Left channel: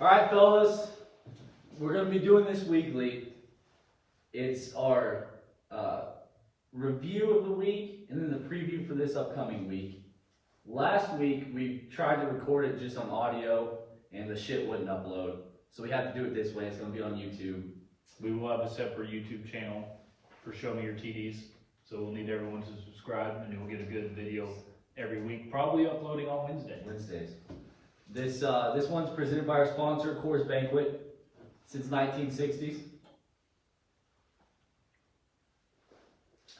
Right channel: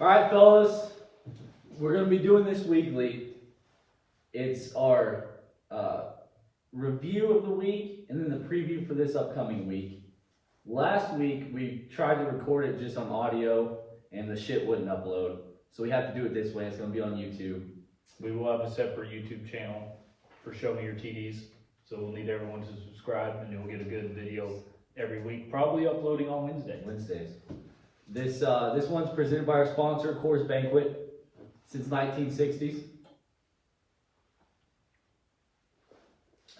All right, fellas, we're going to be doing this weekly. It's our review of the week and then the preview for this upcoming week. Last week, we tried to record it just on audio and the shit wouldn't upload. So we had to do it this way. It's going to be on YouTube. We will have a separate YouTube channel for Show Me Your TDs. So we'll need everyone to subscribe and you'll get a good video every week, probably uploading on Wednesdays. This one's presented by our sponsor, Coors Banquet, since 1960s.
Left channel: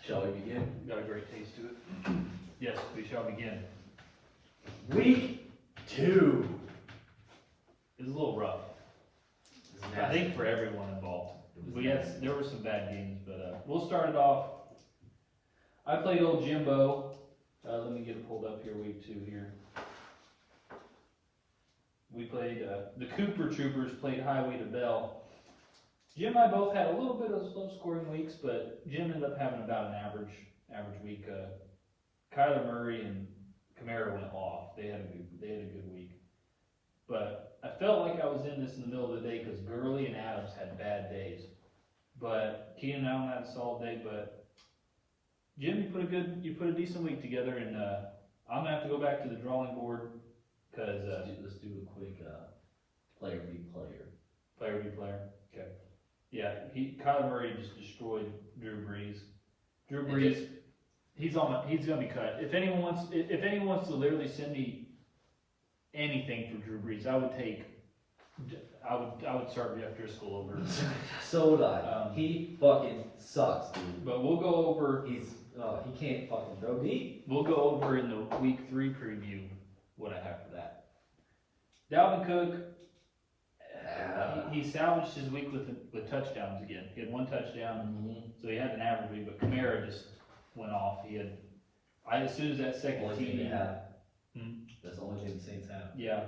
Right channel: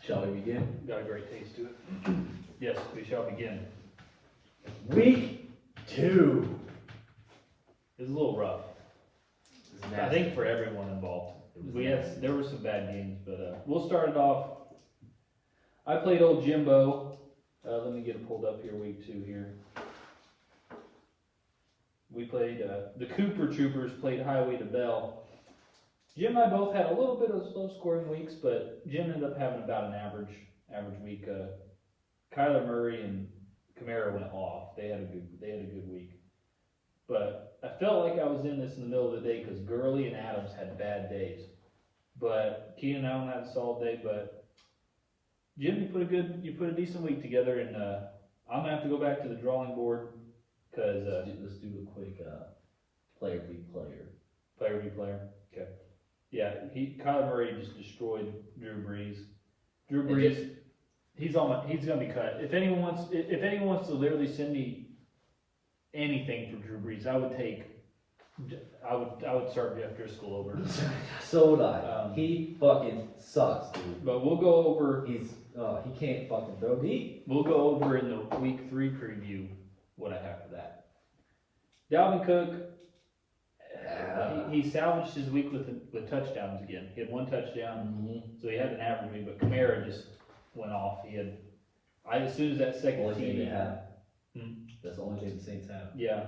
Shall we begin? Got a great taste to it. Yes, we shall begin. Week 2. It's a little rough. I think for everyone involved. There were some bad games, but we'll start it off. I played old Jimbo. Let me get it pulled up here, week 2 here. We played, the Cooper Troopers played Highway to Bell. Jim and I both had a little bit of slow scoring weeks, but Jim ended up having about an average week. Kyler Murray and Kamara went off. They had a good week. But I felt like I was in this in the middle of the day because Gurley and Adams had bad days. But Keenan Allen had a solid day. But Jim, you put a decent week together, and I'm gonna have to go back to the drawing board because let's do a quick player v player. Player v player. Okay. Yeah, Kyler Murray just destroyed Drew Brees. Drew Brees, he's gonna be cut. If anyone wants to literally send me anything for Drew Brees, I would start Jeff Driscoll over. So would I. He fucking sucks, dude. But we'll go over. He can't fucking throw deep. We'll go over in the week 3 preview what I have for that. Dalvin Cook. He salvaged his week with touchdowns again. He had 1 touchdown, so he had an average week. But Kamara just went off. As soon as that second team they have. That's the only thing the Saints have. Yeah,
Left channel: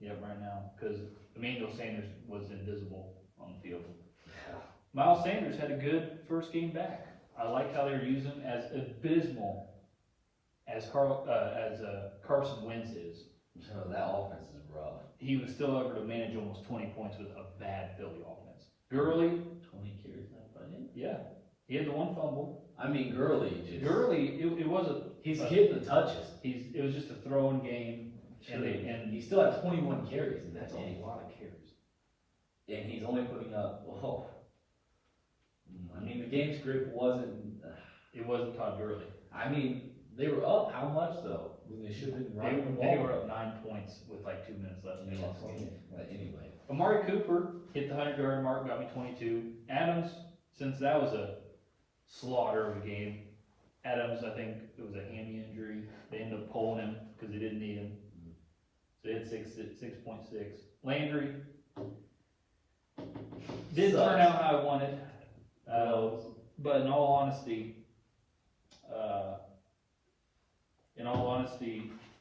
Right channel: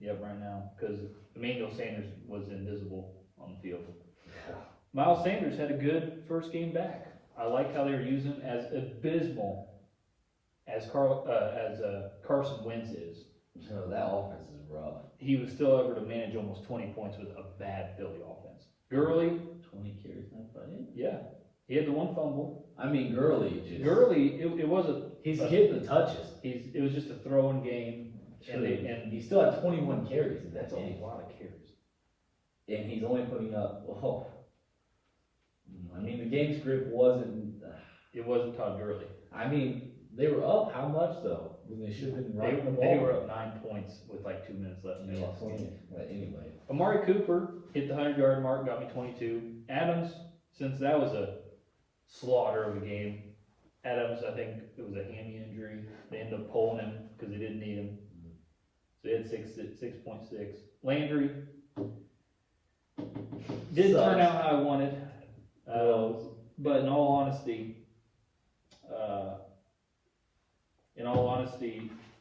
right now because Emmanuel Sanders was invisible on the field. Yeah. Miles Sanders had a good first game back. I like how they were using him as abysmal as Carson Wentz is. That offense is rough. He was still able to manage almost 20 points with a bad Philly offense. Gurley, 20 carries, not funny. yeah, he had the 1 fumble. I mean, Gurley, it was he's hitting the touches. It was just a throwing game, and he still had 21 carries. That's a lot of carries. And he's only putting up. Well, I mean, the game script wasn't. It wasn't Todd Gurley. I mean, they were up how much though? I mean, they should have been running the ball. They were up 9 points with like 2 minutes left in the last game. But anyway, Amari Cooper hit the 100-yard mark, got me 22. Adams, since that was a slaughter of a game, Adams, I think it was a hammy injury. They ended up pulling him because they didn't need him. So he had 6.6. Landry didn't turn out how I wanted. But in all honesty,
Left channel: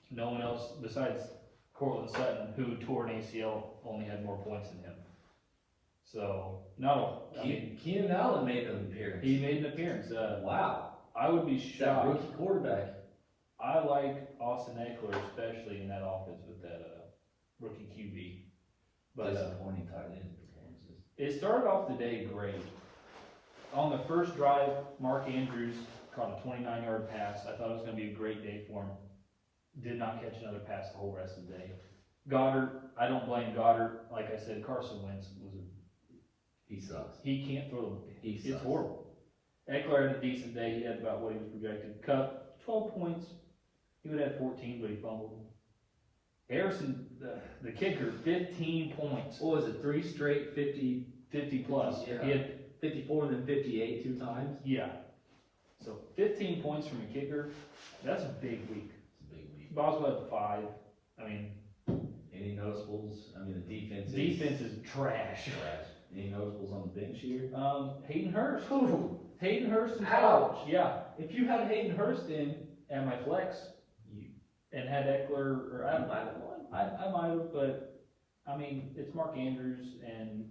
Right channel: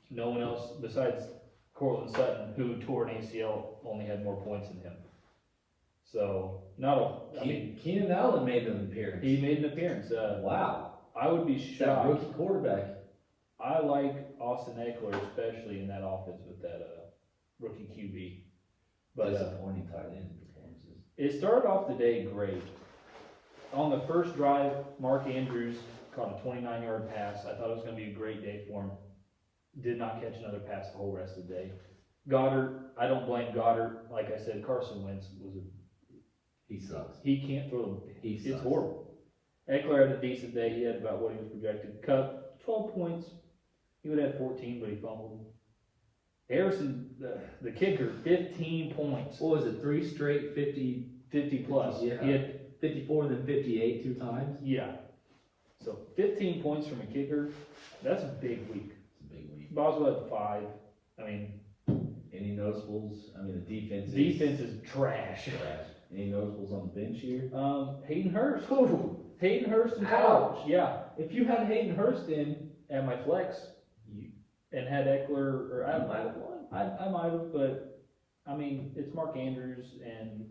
no one else besides Cortland Sutton, who tore an ACL, only had more points than him. So, Keenan Allen made an appearance. He made an appearance. Wow. I would be shocked. That rookie quarterback. I like Austin Eckler, especially in that offense with that rookie QB. But disappointing tight end performances. It started off the day great. On the first drive, Mark Andrews caught a 29-yard pass. I thought it was going to be a great day for him. Did not catch another pass the whole rest of the day. Goddard, I don't blame Goddard. Like I said, Carson Wentz he sucks. He can't throw them. It's horrible. Eckler had a decent day. He had about what he was projected. Cup, 12 points. He would have 14, but he fumbled. Harrison, the kicker, 15 points. What was it? 3 straight 50 plus. Yeah. He had 54 and then 58 2 times. Yeah. So 15 points from a kicker. That's a big week. It's a big week. Boswell had 5. I mean, any notables? I mean, the defense is trash. Any notables on the bench here? Hayden Hurst. Hayden Hurst in college. Yeah. If you had Hayden Hurst in at my flex and had Eckler, or I might have, but I mean, it's Mark Andrews, and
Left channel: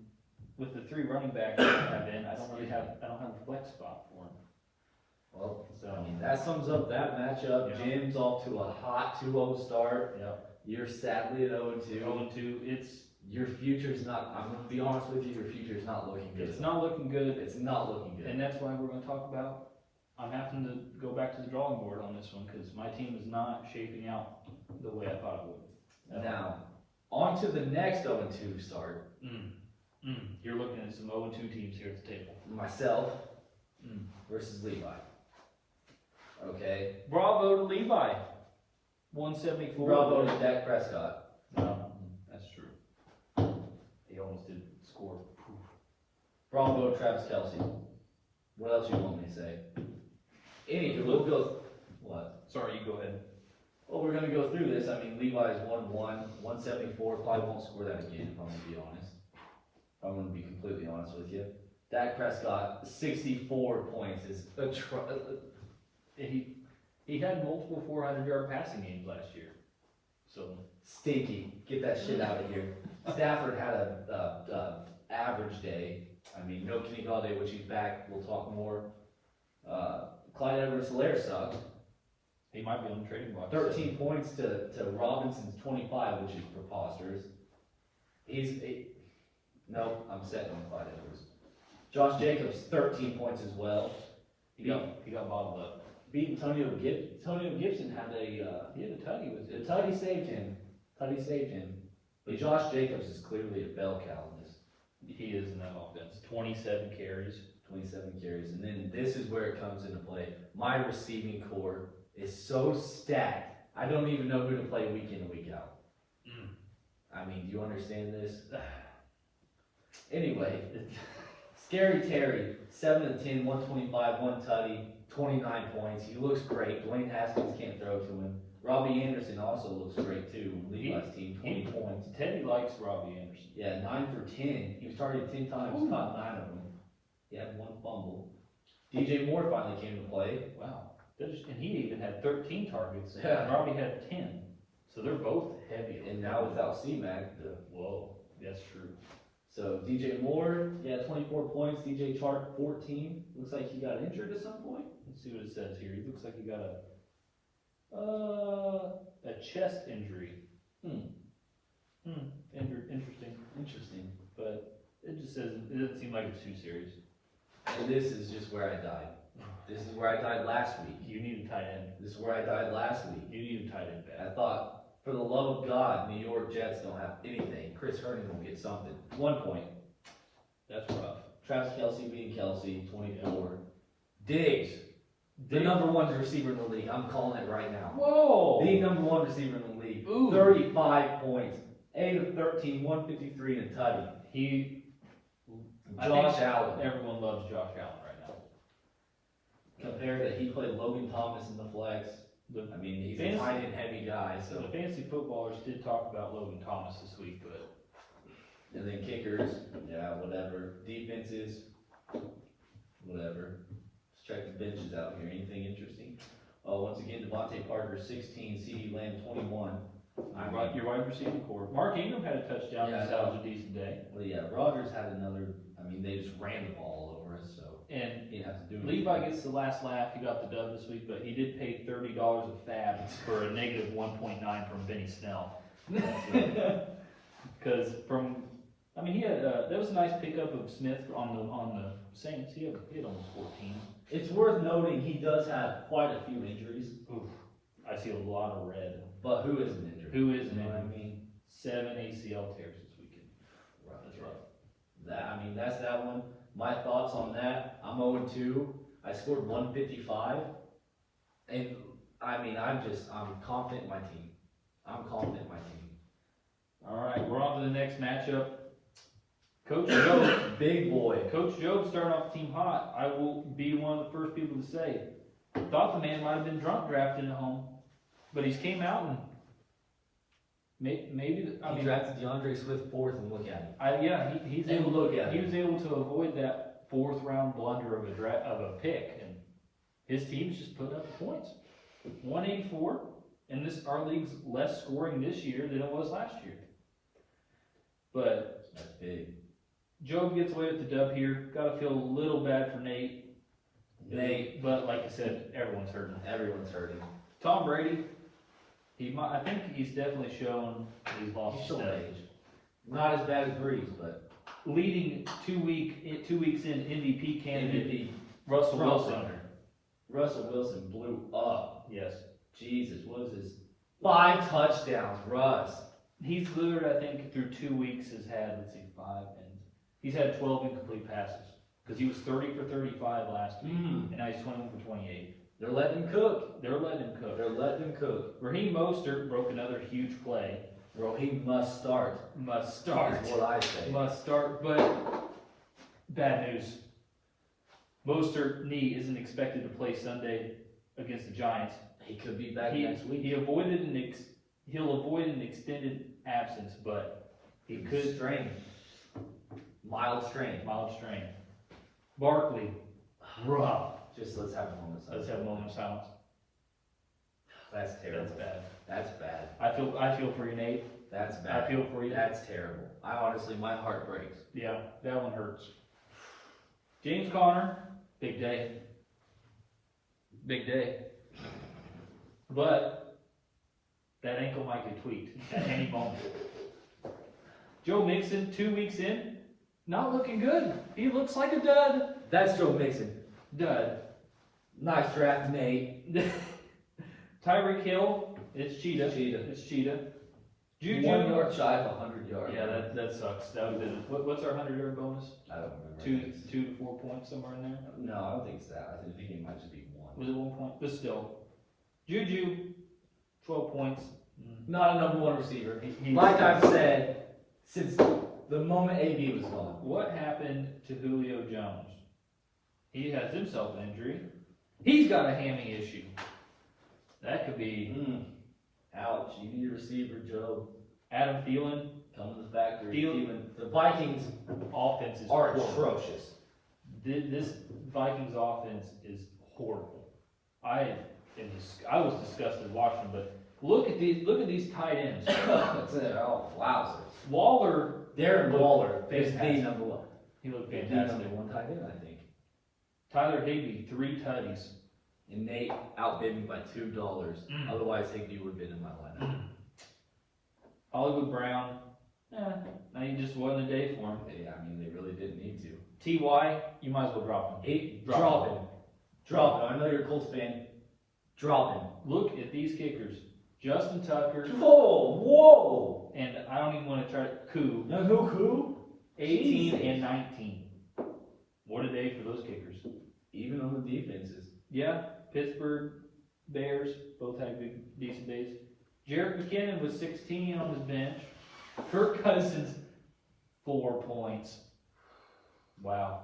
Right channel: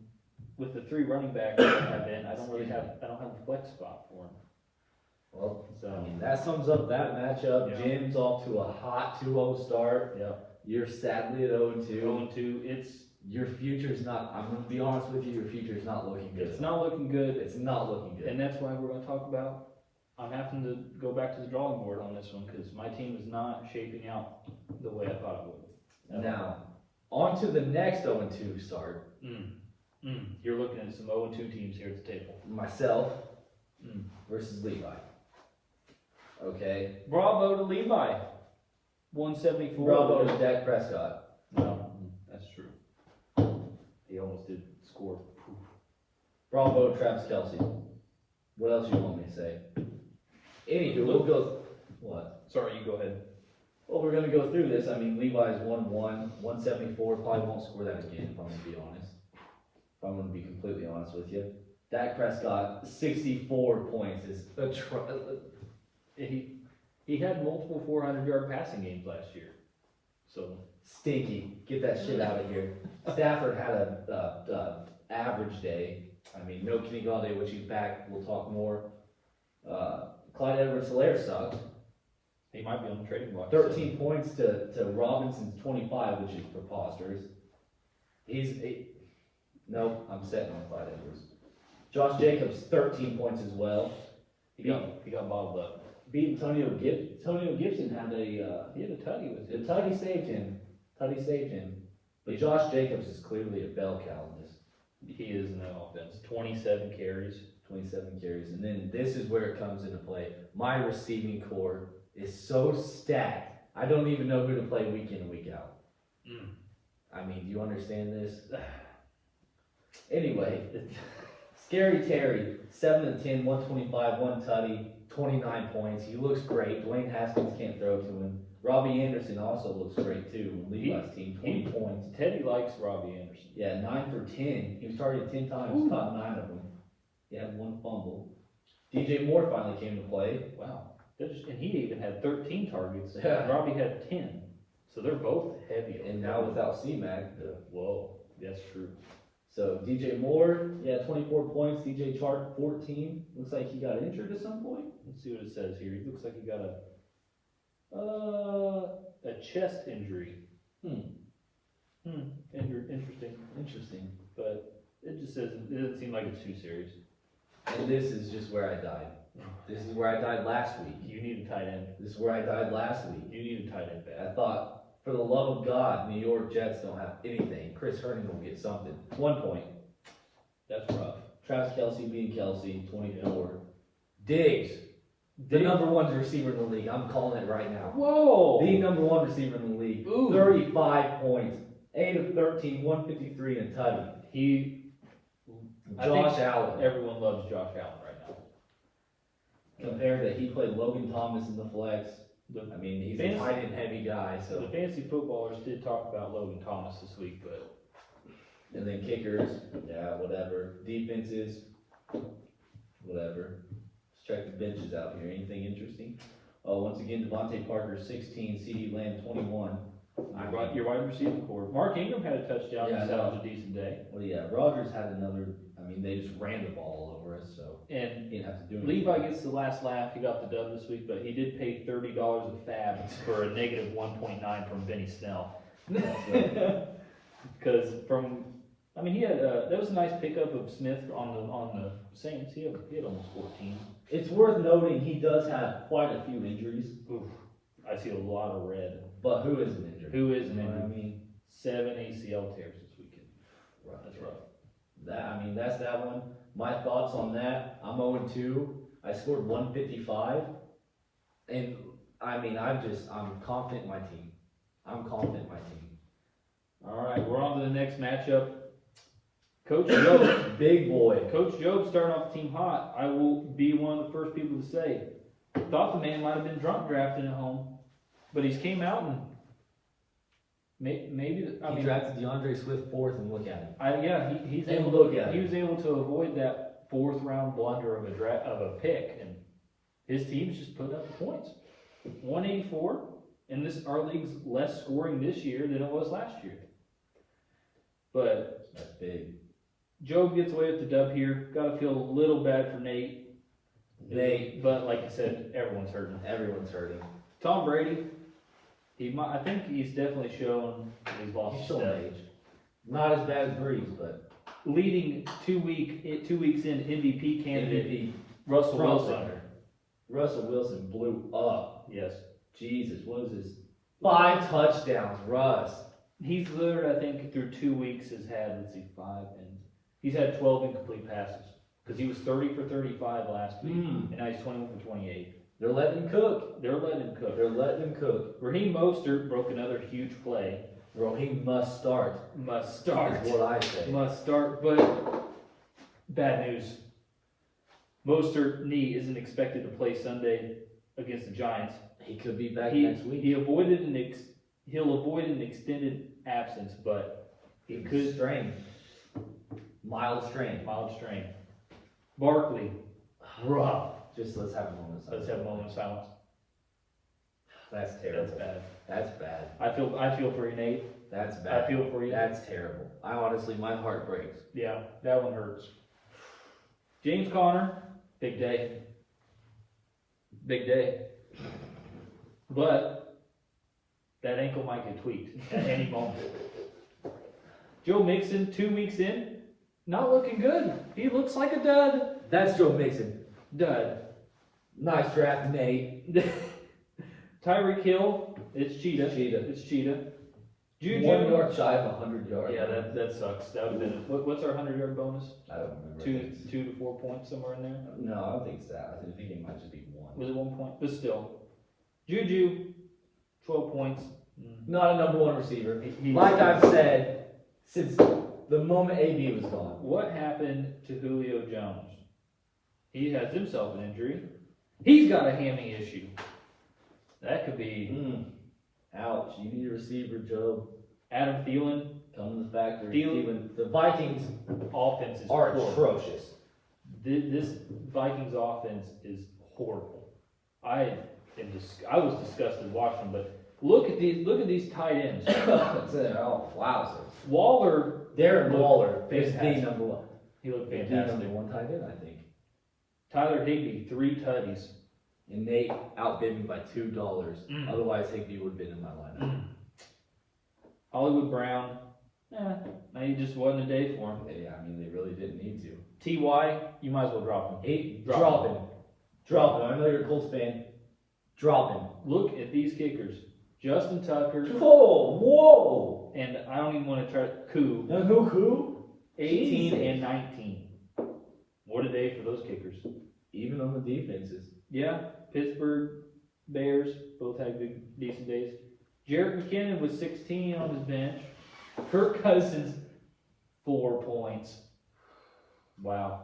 with the 3 running backs I have in, I don't have a flex spot for him. Well, So I mean, that sums up that matchup. Yeah. Jim's off to a hot 2-0 start. yeah, You're sadly at 0-2. 0-2. your future's not, I'm gonna be honest with you, your future's not looking good. It's not looking good, It's not looking good. and that's why we're gonna talk about, I'm having to go back to the drawing board on this one, cause my team is not shaping out the way I thought it would. Now, on to the next 0-2 start. You're looking at some 0-2 teams here at the table. Myself versus Levi. Okay? Bravo to Levi. 174. Bravo to Dak Prescott. That's true. He almost did score. Poof. Bravo to Travis Kelce. What else you want me to say? Anywho, we'll go. What? Sorry, you go ahead. Well, we're gonna go through this. I mean, Levi's 1-1, 174. Probably won't score that again, if I'm gonna be honest. If I'm gonna be completely honest with you. Dak Prescott, 64 points is He had multiple 400-yard passing games last year. So stinky. Get that shit out of here. Stafford had a average day. I mean, no Kenny Galladay, which he's back. We'll talk more. Clyde Edwards-Helaire sucked. he might be on the trading block. 13 points to Robinson's 25, which is preposterous. Nope, I'm setting on Clyde Edwards. Josh Jacobs, 13 points as well. He got bottled up. Beat Antonio Gibson. Antonio Gibson had He had a tutty with the it. Tutty saved him. Tutty saved him. But Josh Jacobs is clearly a bell cow in this. He is in the offense. 27 carries. 27 carries. And then this is where it comes into play. My receiving core is so stacked. I don't even know who to play week in and week out. I mean, do you understand this? Anyway, Scary Terry, 7-10, 125, 1 tutty, 29 points. He looks great. Dwayne Haskins can't throw to him. Robbie Anderson also looks great too. Levi's team, 20 points. Teddy likes Robbie Anderson. Yeah, 9 for 10. He was targeted 10 times, caught 9 of them. He had 1 fumble. DJ Moore finally came to play. Wow. And he even had 13 targets. Yeah. Robbie had 10. So they're both heavy. And now without C-Mac. Whoa, that's true. So DJ Moore, yeah, 24 points. DJ Chark, 14. Looks like he got injured at some point. Let's see what it says here. He looks like he got a chest injury. Interesting. But it just says it doesn't seem like it's too serious. And this is just where I died. This is where I died last week. You need a tight end. This is where I died last week. You need a tight end I bad. thought, for the love of God, New York Jets don't have anything. Chris Herndon will get something. 1 point. That's rough. Travis Kelce being Kelce, 24. Diggs, the number 1 receiver in the league. I'm calling it right now. Whoa! The number 1 receiver in the league. Ooh. 35 points. 8 of 13, 153 and a tutty. I think Josh Allen. Everyone loves Josh Allen right now. Compared to, he played Logan Thomas in the flex. I mean, he's a Fantasy- tight end heavy guy, so. The fantasy footballers did talk about Logan Thomas this week, but And then kickers, yeah, whatever. Defenses, whatever. Let's check the benches out here. Anything interesting? Oh, once again, Devontae Parker, 16, CeeDee Lamb, 21. your wide receiving core. Mark Ingram had a touchdown. Yeah, I That know. was a decent day. Well, yeah, Rogers had another, I mean, they just ran the ball all over us, so And he didn't have to do anything. Levi gets the last laugh. He got the dub this week, but he did pay $30 of fab for a negative 1.9 from Benny Snell. Because he had that was a nice pickup of Smith on the Saints. He had almost 14. It's worth noting he does have quite a few injuries, Oof, I see a lot of red. but who isn't injured? Who is You know what I injured? mean? 7 ACL tears this weekend. Rough. That's rough. That's that one. My thoughts on that, I'm 0-2. I scored 155. And, I'm confident in my team. All right, we're on to the next matchup. Coach Joe. Big boy. Coach Job starting off the team hot. I will be one of the first people to say, thought the man might have been drunk drafting at home, but he's came out and maybe. He drafted DeAndre Swift 4th, and look at him. He's And able. look at He him. was able to avoid that 4th round blunder of a pick, and his team's just putting up the points. 184, and our league's less scoring this year than it was last year. But That's big. Job gets away with the dub here. Got to feel a little bad for Nate. But like you said, everyone's hurting. Everyone's hurting. Tom Brady, I think he's definitely shown that he's lost He's his showing step. age. Not as bad as Breeze, but Leading 2 weeks in MVP candidate, MVP Russell front Wilson. runner. Russell Wilson blew up. Yes. Jesus, what is this? 5 touchdowns, Russ. He's literally, I think, through 2 weeks has had, let's see, 5, and he's had 12 incomplete passes. Because he was 30 for 35 last week, and now he's 21 for 28. They're letting him cook. They're letting him cook. They're letting him cook. Raheem Mostert broke another huge play. Bro, he must start. Must start. That's what I say. Must start, but bad news. Mostert knee isn't expected to play Sunday against the Giants. He could be back next week. He'll avoid an extended absence, but he could strain. Mild strain. mild strain. Barkley, Rough. Just let's have a moment. of let's silence. have a moment of silence. That's terrible. That's bad. That's bad. I feel for you, Nate. That's I bad. feel for you. That's terrible. I honestly, my heart breaks. Yeah, that one hurts. James Conner, big day. Big day. But that ankle might get tweaked at any moment. Joe Mixon, 2 weeks in, not looking good. He looks like a dud. That's Joe Mixon. Dud. Nice draft, Nate. Tyreek Hill, it's Cheetah. Cheetah. It's Cheetah. Juju. 1 yard shy of 100 yards. Yeah, that sucks. That would have been, what's our 100-yard bonus? I don't remember. 2 to 4 points, somewhere in there. No, I don't think it's that. I think it might just be 1. Was it 1 point? But still. Juju, 12 points. Not a number 1 receiver. He- Like I've said, since the moment AB was gone. What happened to Julio Jones? He has himself an injury. He's got a hammy issue. That could be Ouch. You need a receiver, Joe. Adam Thielen. Come to the factory. Thielen. The Vikings Offense is are horrible. atrocious. This Vikings offense is horrible. I was disgusted watching them, but look at these tight ends. That's it. Oh, wow. So Waller, Darren Waller is the Fantastic. number 1. he looked The fantastic. number 1 tight end, I think. Tyler Higbee, 3 tutties. And Nate outbid me by $2. Otherwise, Higbee would have been in my lineup. Hollywood Brown, maybe just wasn't a day for him. I mean, they really didn't need to. Ty, you might as well drop him. Drop him. Drop him. I know you're a Colts fan. Drop him. Look at these kickers. Justin Tucker, Whoa! and I don't even want to try Koo, No, who? 18 Jesus. and 19. What a day for those kickers. Even on the defenses. Yeah, Pittsburgh Bears both had good, decent days. Jared McKinnon was 16 on his bench. Kirk Cousins, 4 points. Wow.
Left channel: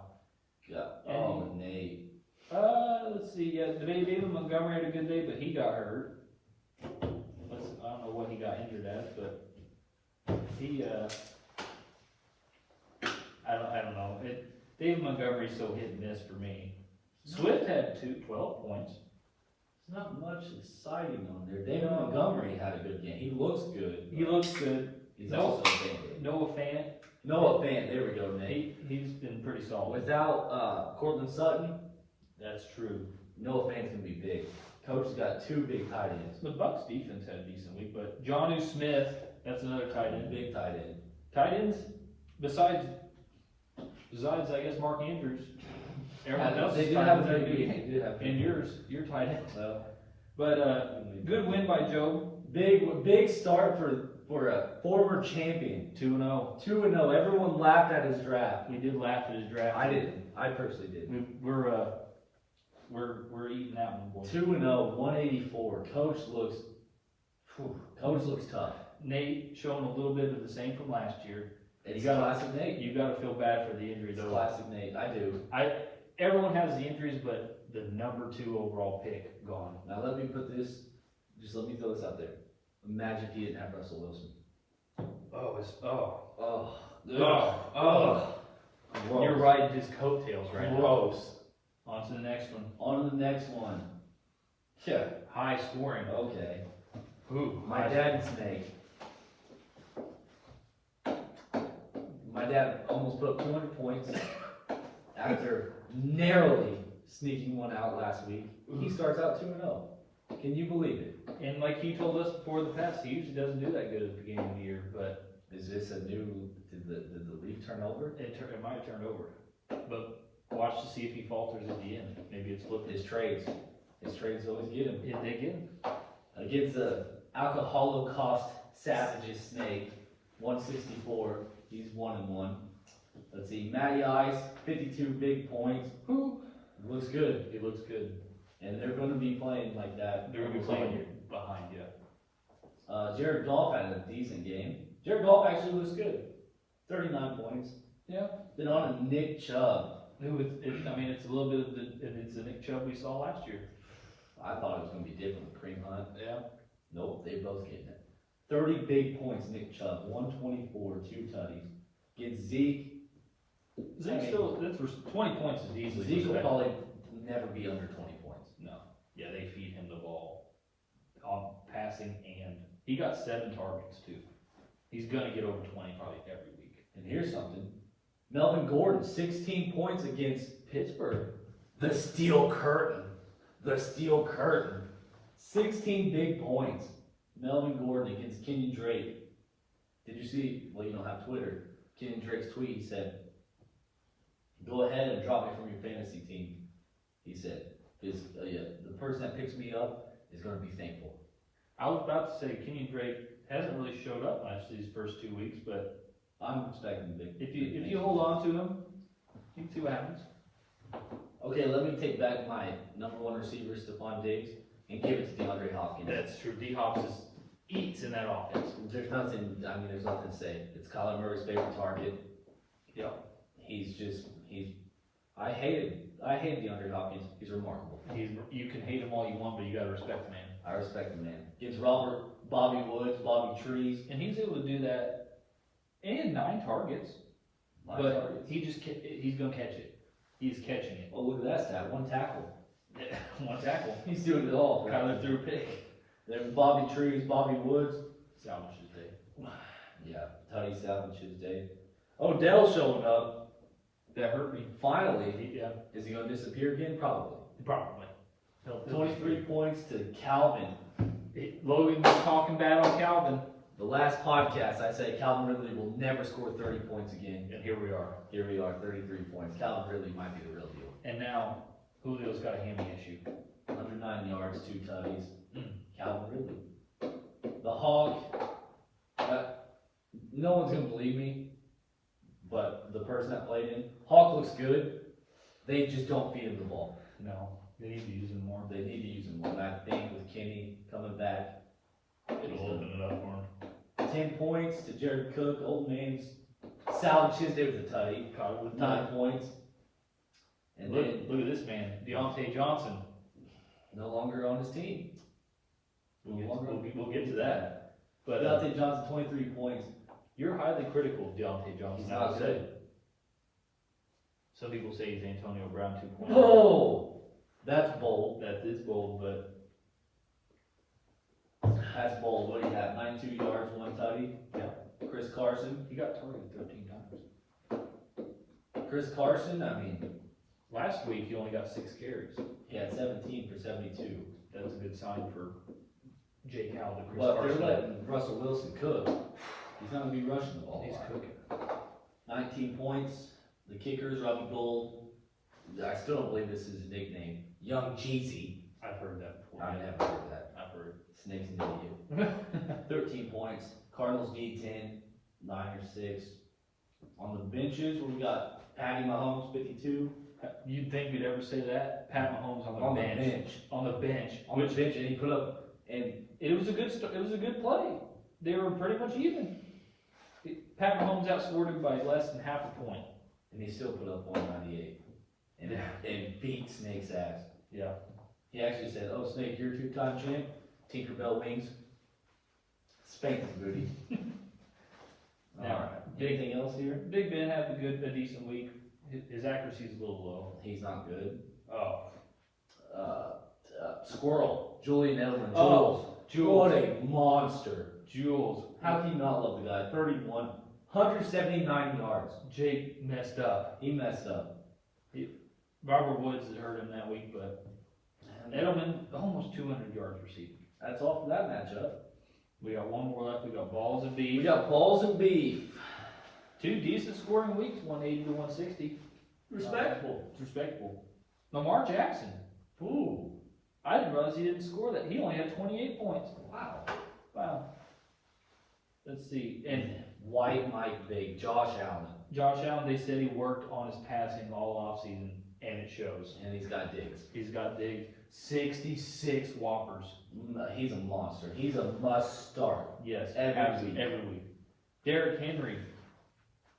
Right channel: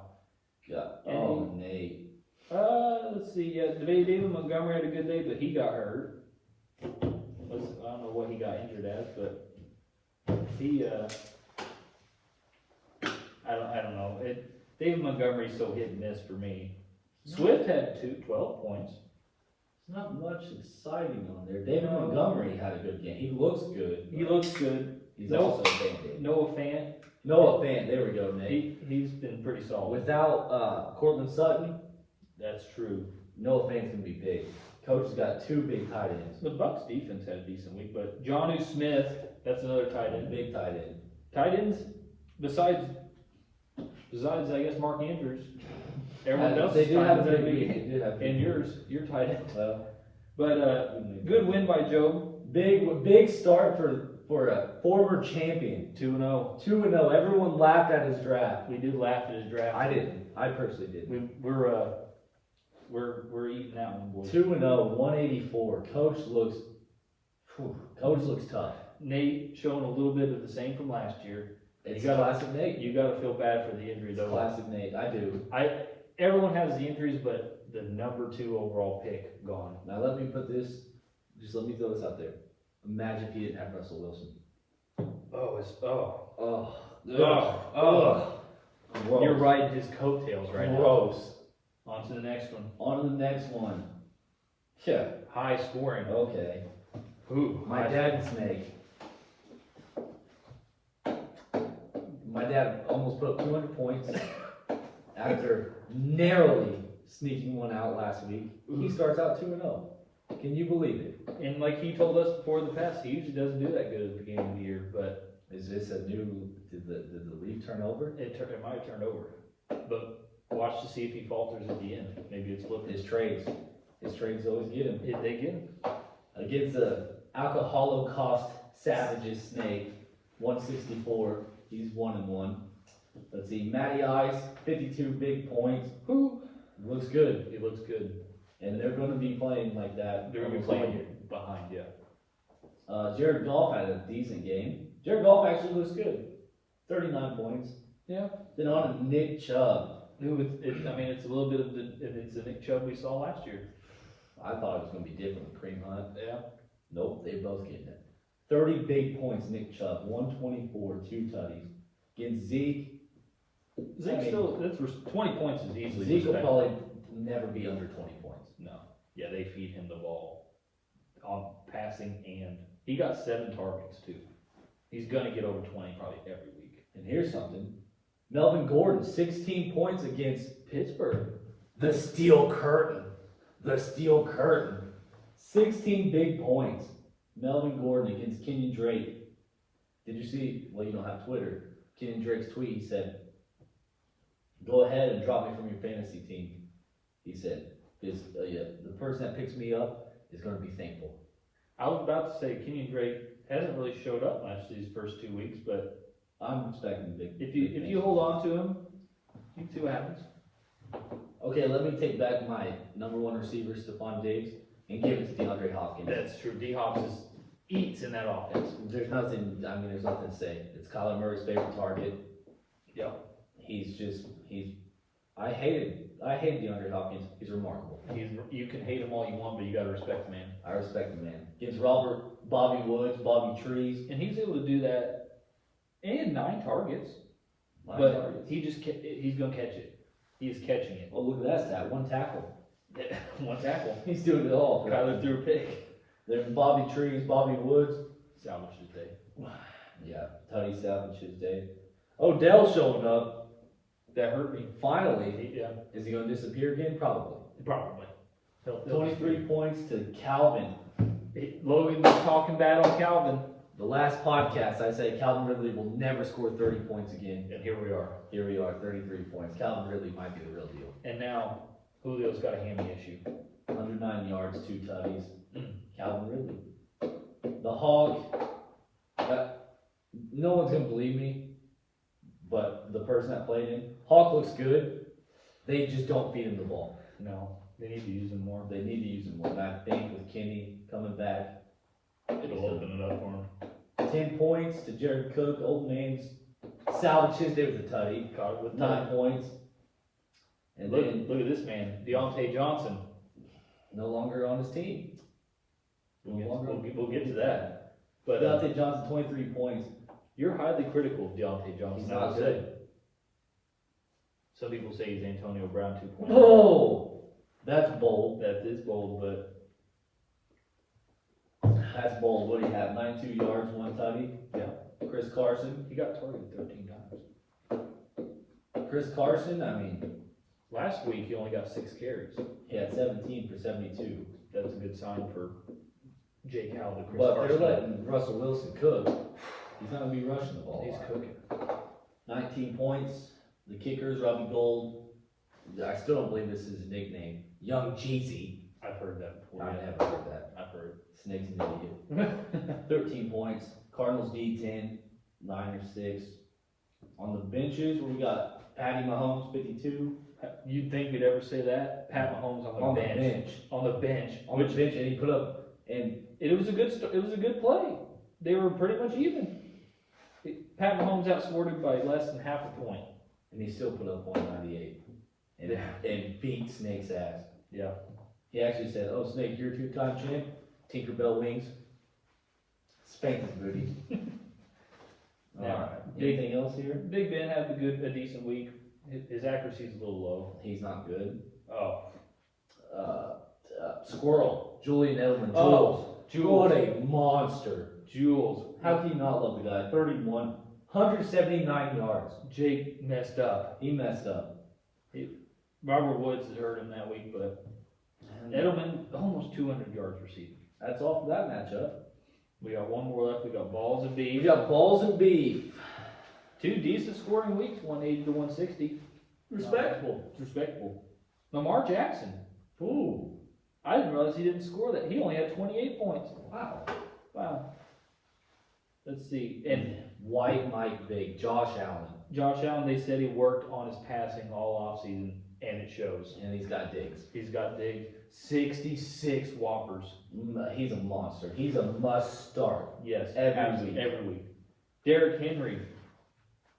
God. Oh, Nate. Let's see. Yeah, David Montgomery had a good day, but he got hurt. I don't know what he got injured at, but he. I don't know. David Montgomery's so hit and miss for me. Swift had 12 points. There's not much exciting on there. David Montgomery had a good game. He looks good. He looks good. He's No- also a Band-Aid. Noah Fant, Noah Fant. There we go, Nate. he's been pretty solid. Without Cortland Sutton, That's true. Noah Fant's going to be big. Coach has got 2 big tight ends. The Bucks defense had a decent week, but Jonnu Smith, that's another tight end. Big tight end. Tight ends, besides I guess Mark Andrews, everyone else They is do tight have a ends good that week. week. They do have And good your tight end. Well, But good win by Joe. big start for a former champion. 2-0. 2-0. Everyone laughed at his draft. We did laugh at his draft. I didn't. I personally didn't. We're eating that one, boys. 2-0, 184. Coach looks tough. Nate showing a little bit of the same from last year. It's classic Nate. You got to feel bad for the injury It's though. classic Nate. I do. Everyone has the injuries, but the number 2 overall pick gone. Now let me put this. Just let me throw this out there. Imagine if he didn't have Russell Wilson. Gross. You're riding his coattails right now. Gross. On to the next one. On to the next one. Yeah. High scoring. Okay. Ooh, My dad's snake. My dad almost put up 200 points after narrowly sneaking one out last week. He starts out 2-0. Can you believe it? And like he told us before the past, he usually doesn't do that good at the beginning of the year, but Is this a new, did the leaf turn over? It might have turned over, but watch to see if he falters at the end. Maybe it's flipping. His trades always get him. If they get him. Against the Alcoholocaust Savages Snake, 164, he's 1-1. Let's see, Matty Ice, 52 big points. Who? Looks good. He looks good. And they're gonna be playing like that. They're gonna be playing behind, yeah. Jared Goff had a decent game. Jared Goff actually looks good. 39 points. Yeah. Then on to Nick Chubb. I mean, it's a little bit of it's the Nick Chubb we saw last year. I thought it was gonna be different with Kareem Hunt. Yeah. Nope, they both getting it. 30 big points, Nick Chubb, 124, 2 tutties. Against Zeke. Zeke still, 20 points is easily Zeke will respected. probably never be under 20 points. No. Yeah, they feed him the ball on passing, and he got 7 targets too. He's gonna get over 20 probably every week. And here's something. Melvin Gordon, 16 points against Pittsburgh. the Steel Curtain. The Steel Curtain. 16 big points. Melvin Gordon against Kenyon Drake. Did you see, well, you don't have Twitter. Kenyon Drake's tweet, he said, go ahead and drop me from your fantasy team. He said, the person that picks me up is going to be thankful. I was about to say Kenyon Drake hasn't really showed up much these first 2 weeks, but I'm expecting big. if big you things. hold on to him, you see what happens. Okay, let me take back my number 1 receiver, Stephon Diggs, and give it to DeAndre Hopkins. That's true. D-Hop eats in that offense. There's nothing to say. It's Kyler Murray's favorite target. Yep. I hate DeAndre Hopkins. He's remarkable. You can hate him all you want, but you gotta respect the man. I respect the man. Gives Bobby Woods, Bobby Trees. And he's able to do that, and 9 targets. Nine But targets. he's gonna catch it. He's catching it. Oh, look at that stat. 1 tackle. 1 tackle. He's doing it all. Kyler threw a pick. Then Bobby Trees, Bobby Woods. Salvage his day. Yeah, Tutty salvage his day. Odell showing up. That hurt me. Finally. Yeah, Is he going to disappear again? Probably. probably. 23 points to Calvin. Logan was talking bad on Calvin, The last podcast, I said Calvin Ridley will never score 30 points again. and here we are. Here we are, 33 points. Calvin Ridley might be the real deal. And now Julio's got a hammy issue. 109 yards, 2 tutties. Calvin Ridley. The Hawk, no one's going to believe me, but the person that played him, Hawk looks good. They just don't feed him the ball. No, they need to use him more. They need to use him more. And I think with Kenny coming back, It'll open it up for him. 10 points to Jared Cook. Old man's salvaged his day with a tutty. Caught it with 9 points. And Look, then look at this man, Deontay Johnson. no longer on his team. We'll get to that. But Deontay Johnson, 23 points. you're highly critical of Deontay Johnson. He's I not would say. good. Some people say he's Antonio Brown 2.0. Oh, that's bold. That is bold, but That's bold. What do you have? 92 yards, 1 tutty. yeah, Chris Carson. he got targeted 13 times. Chris Carson, I mean, Last week he only got 6 carries. he had 17 for 72. That's a good sign for Jake Howell, the Chris But Carson. they're letting Russell Wilson cook. He's not going to be rushing the ball. He's cooking. 19 points. The kickers, Robbie Gold. I still don't believe this is his nickname. Young Jeezy. I've heard that before. I've never heard that. I've heard. Snake's an idiot. 13 points. Cardinals D10. Niners 6. On the benches, we got Patty Mahomes, 52. You'd think we'd ever say that? Pat Mahomes on the On the bench. bench. On the bench. On the bench, and he put up, and It was a good. It was a good play. They were pretty much even. Pat Mahomes outscored him by less than half a point. he still put up 198. And beat Snake's ass. Yeah. He actually said, "Oh, Snake, you're a 2-time champ. Tinkerbell wings. Spank his booty." All Yeah. right. Anything else here? Big Ben had a decent week. His accuracy is a little low. He's not good. Oh. Squirrel. Julian Edelman. Oh, Jules. What a monster. Jules. How can you not love the guy? 31. 179 yards. Jake messed up. He messed up. Robert Woods hurt him that week, but Edelman almost 200 yards receiving. That's all for that matchup. We got one more left. We got balls and We beef. got balls and beef. Two decent scoring weeks, 180 to 160. Respectable. It's respectable. Lamar Jackson. Ooh. I didn't realize he didn't score that. He only had 28 points. Wow. Wow. Let's see. And White Mike Big, Josh Allen. Josh Allen, they said he worked on his passing all offseason, and it shows. And he's got digs. He's got big 66 whoppers. He's a monster. He's a must start. Yes, Every week. Every week. Derrick Henry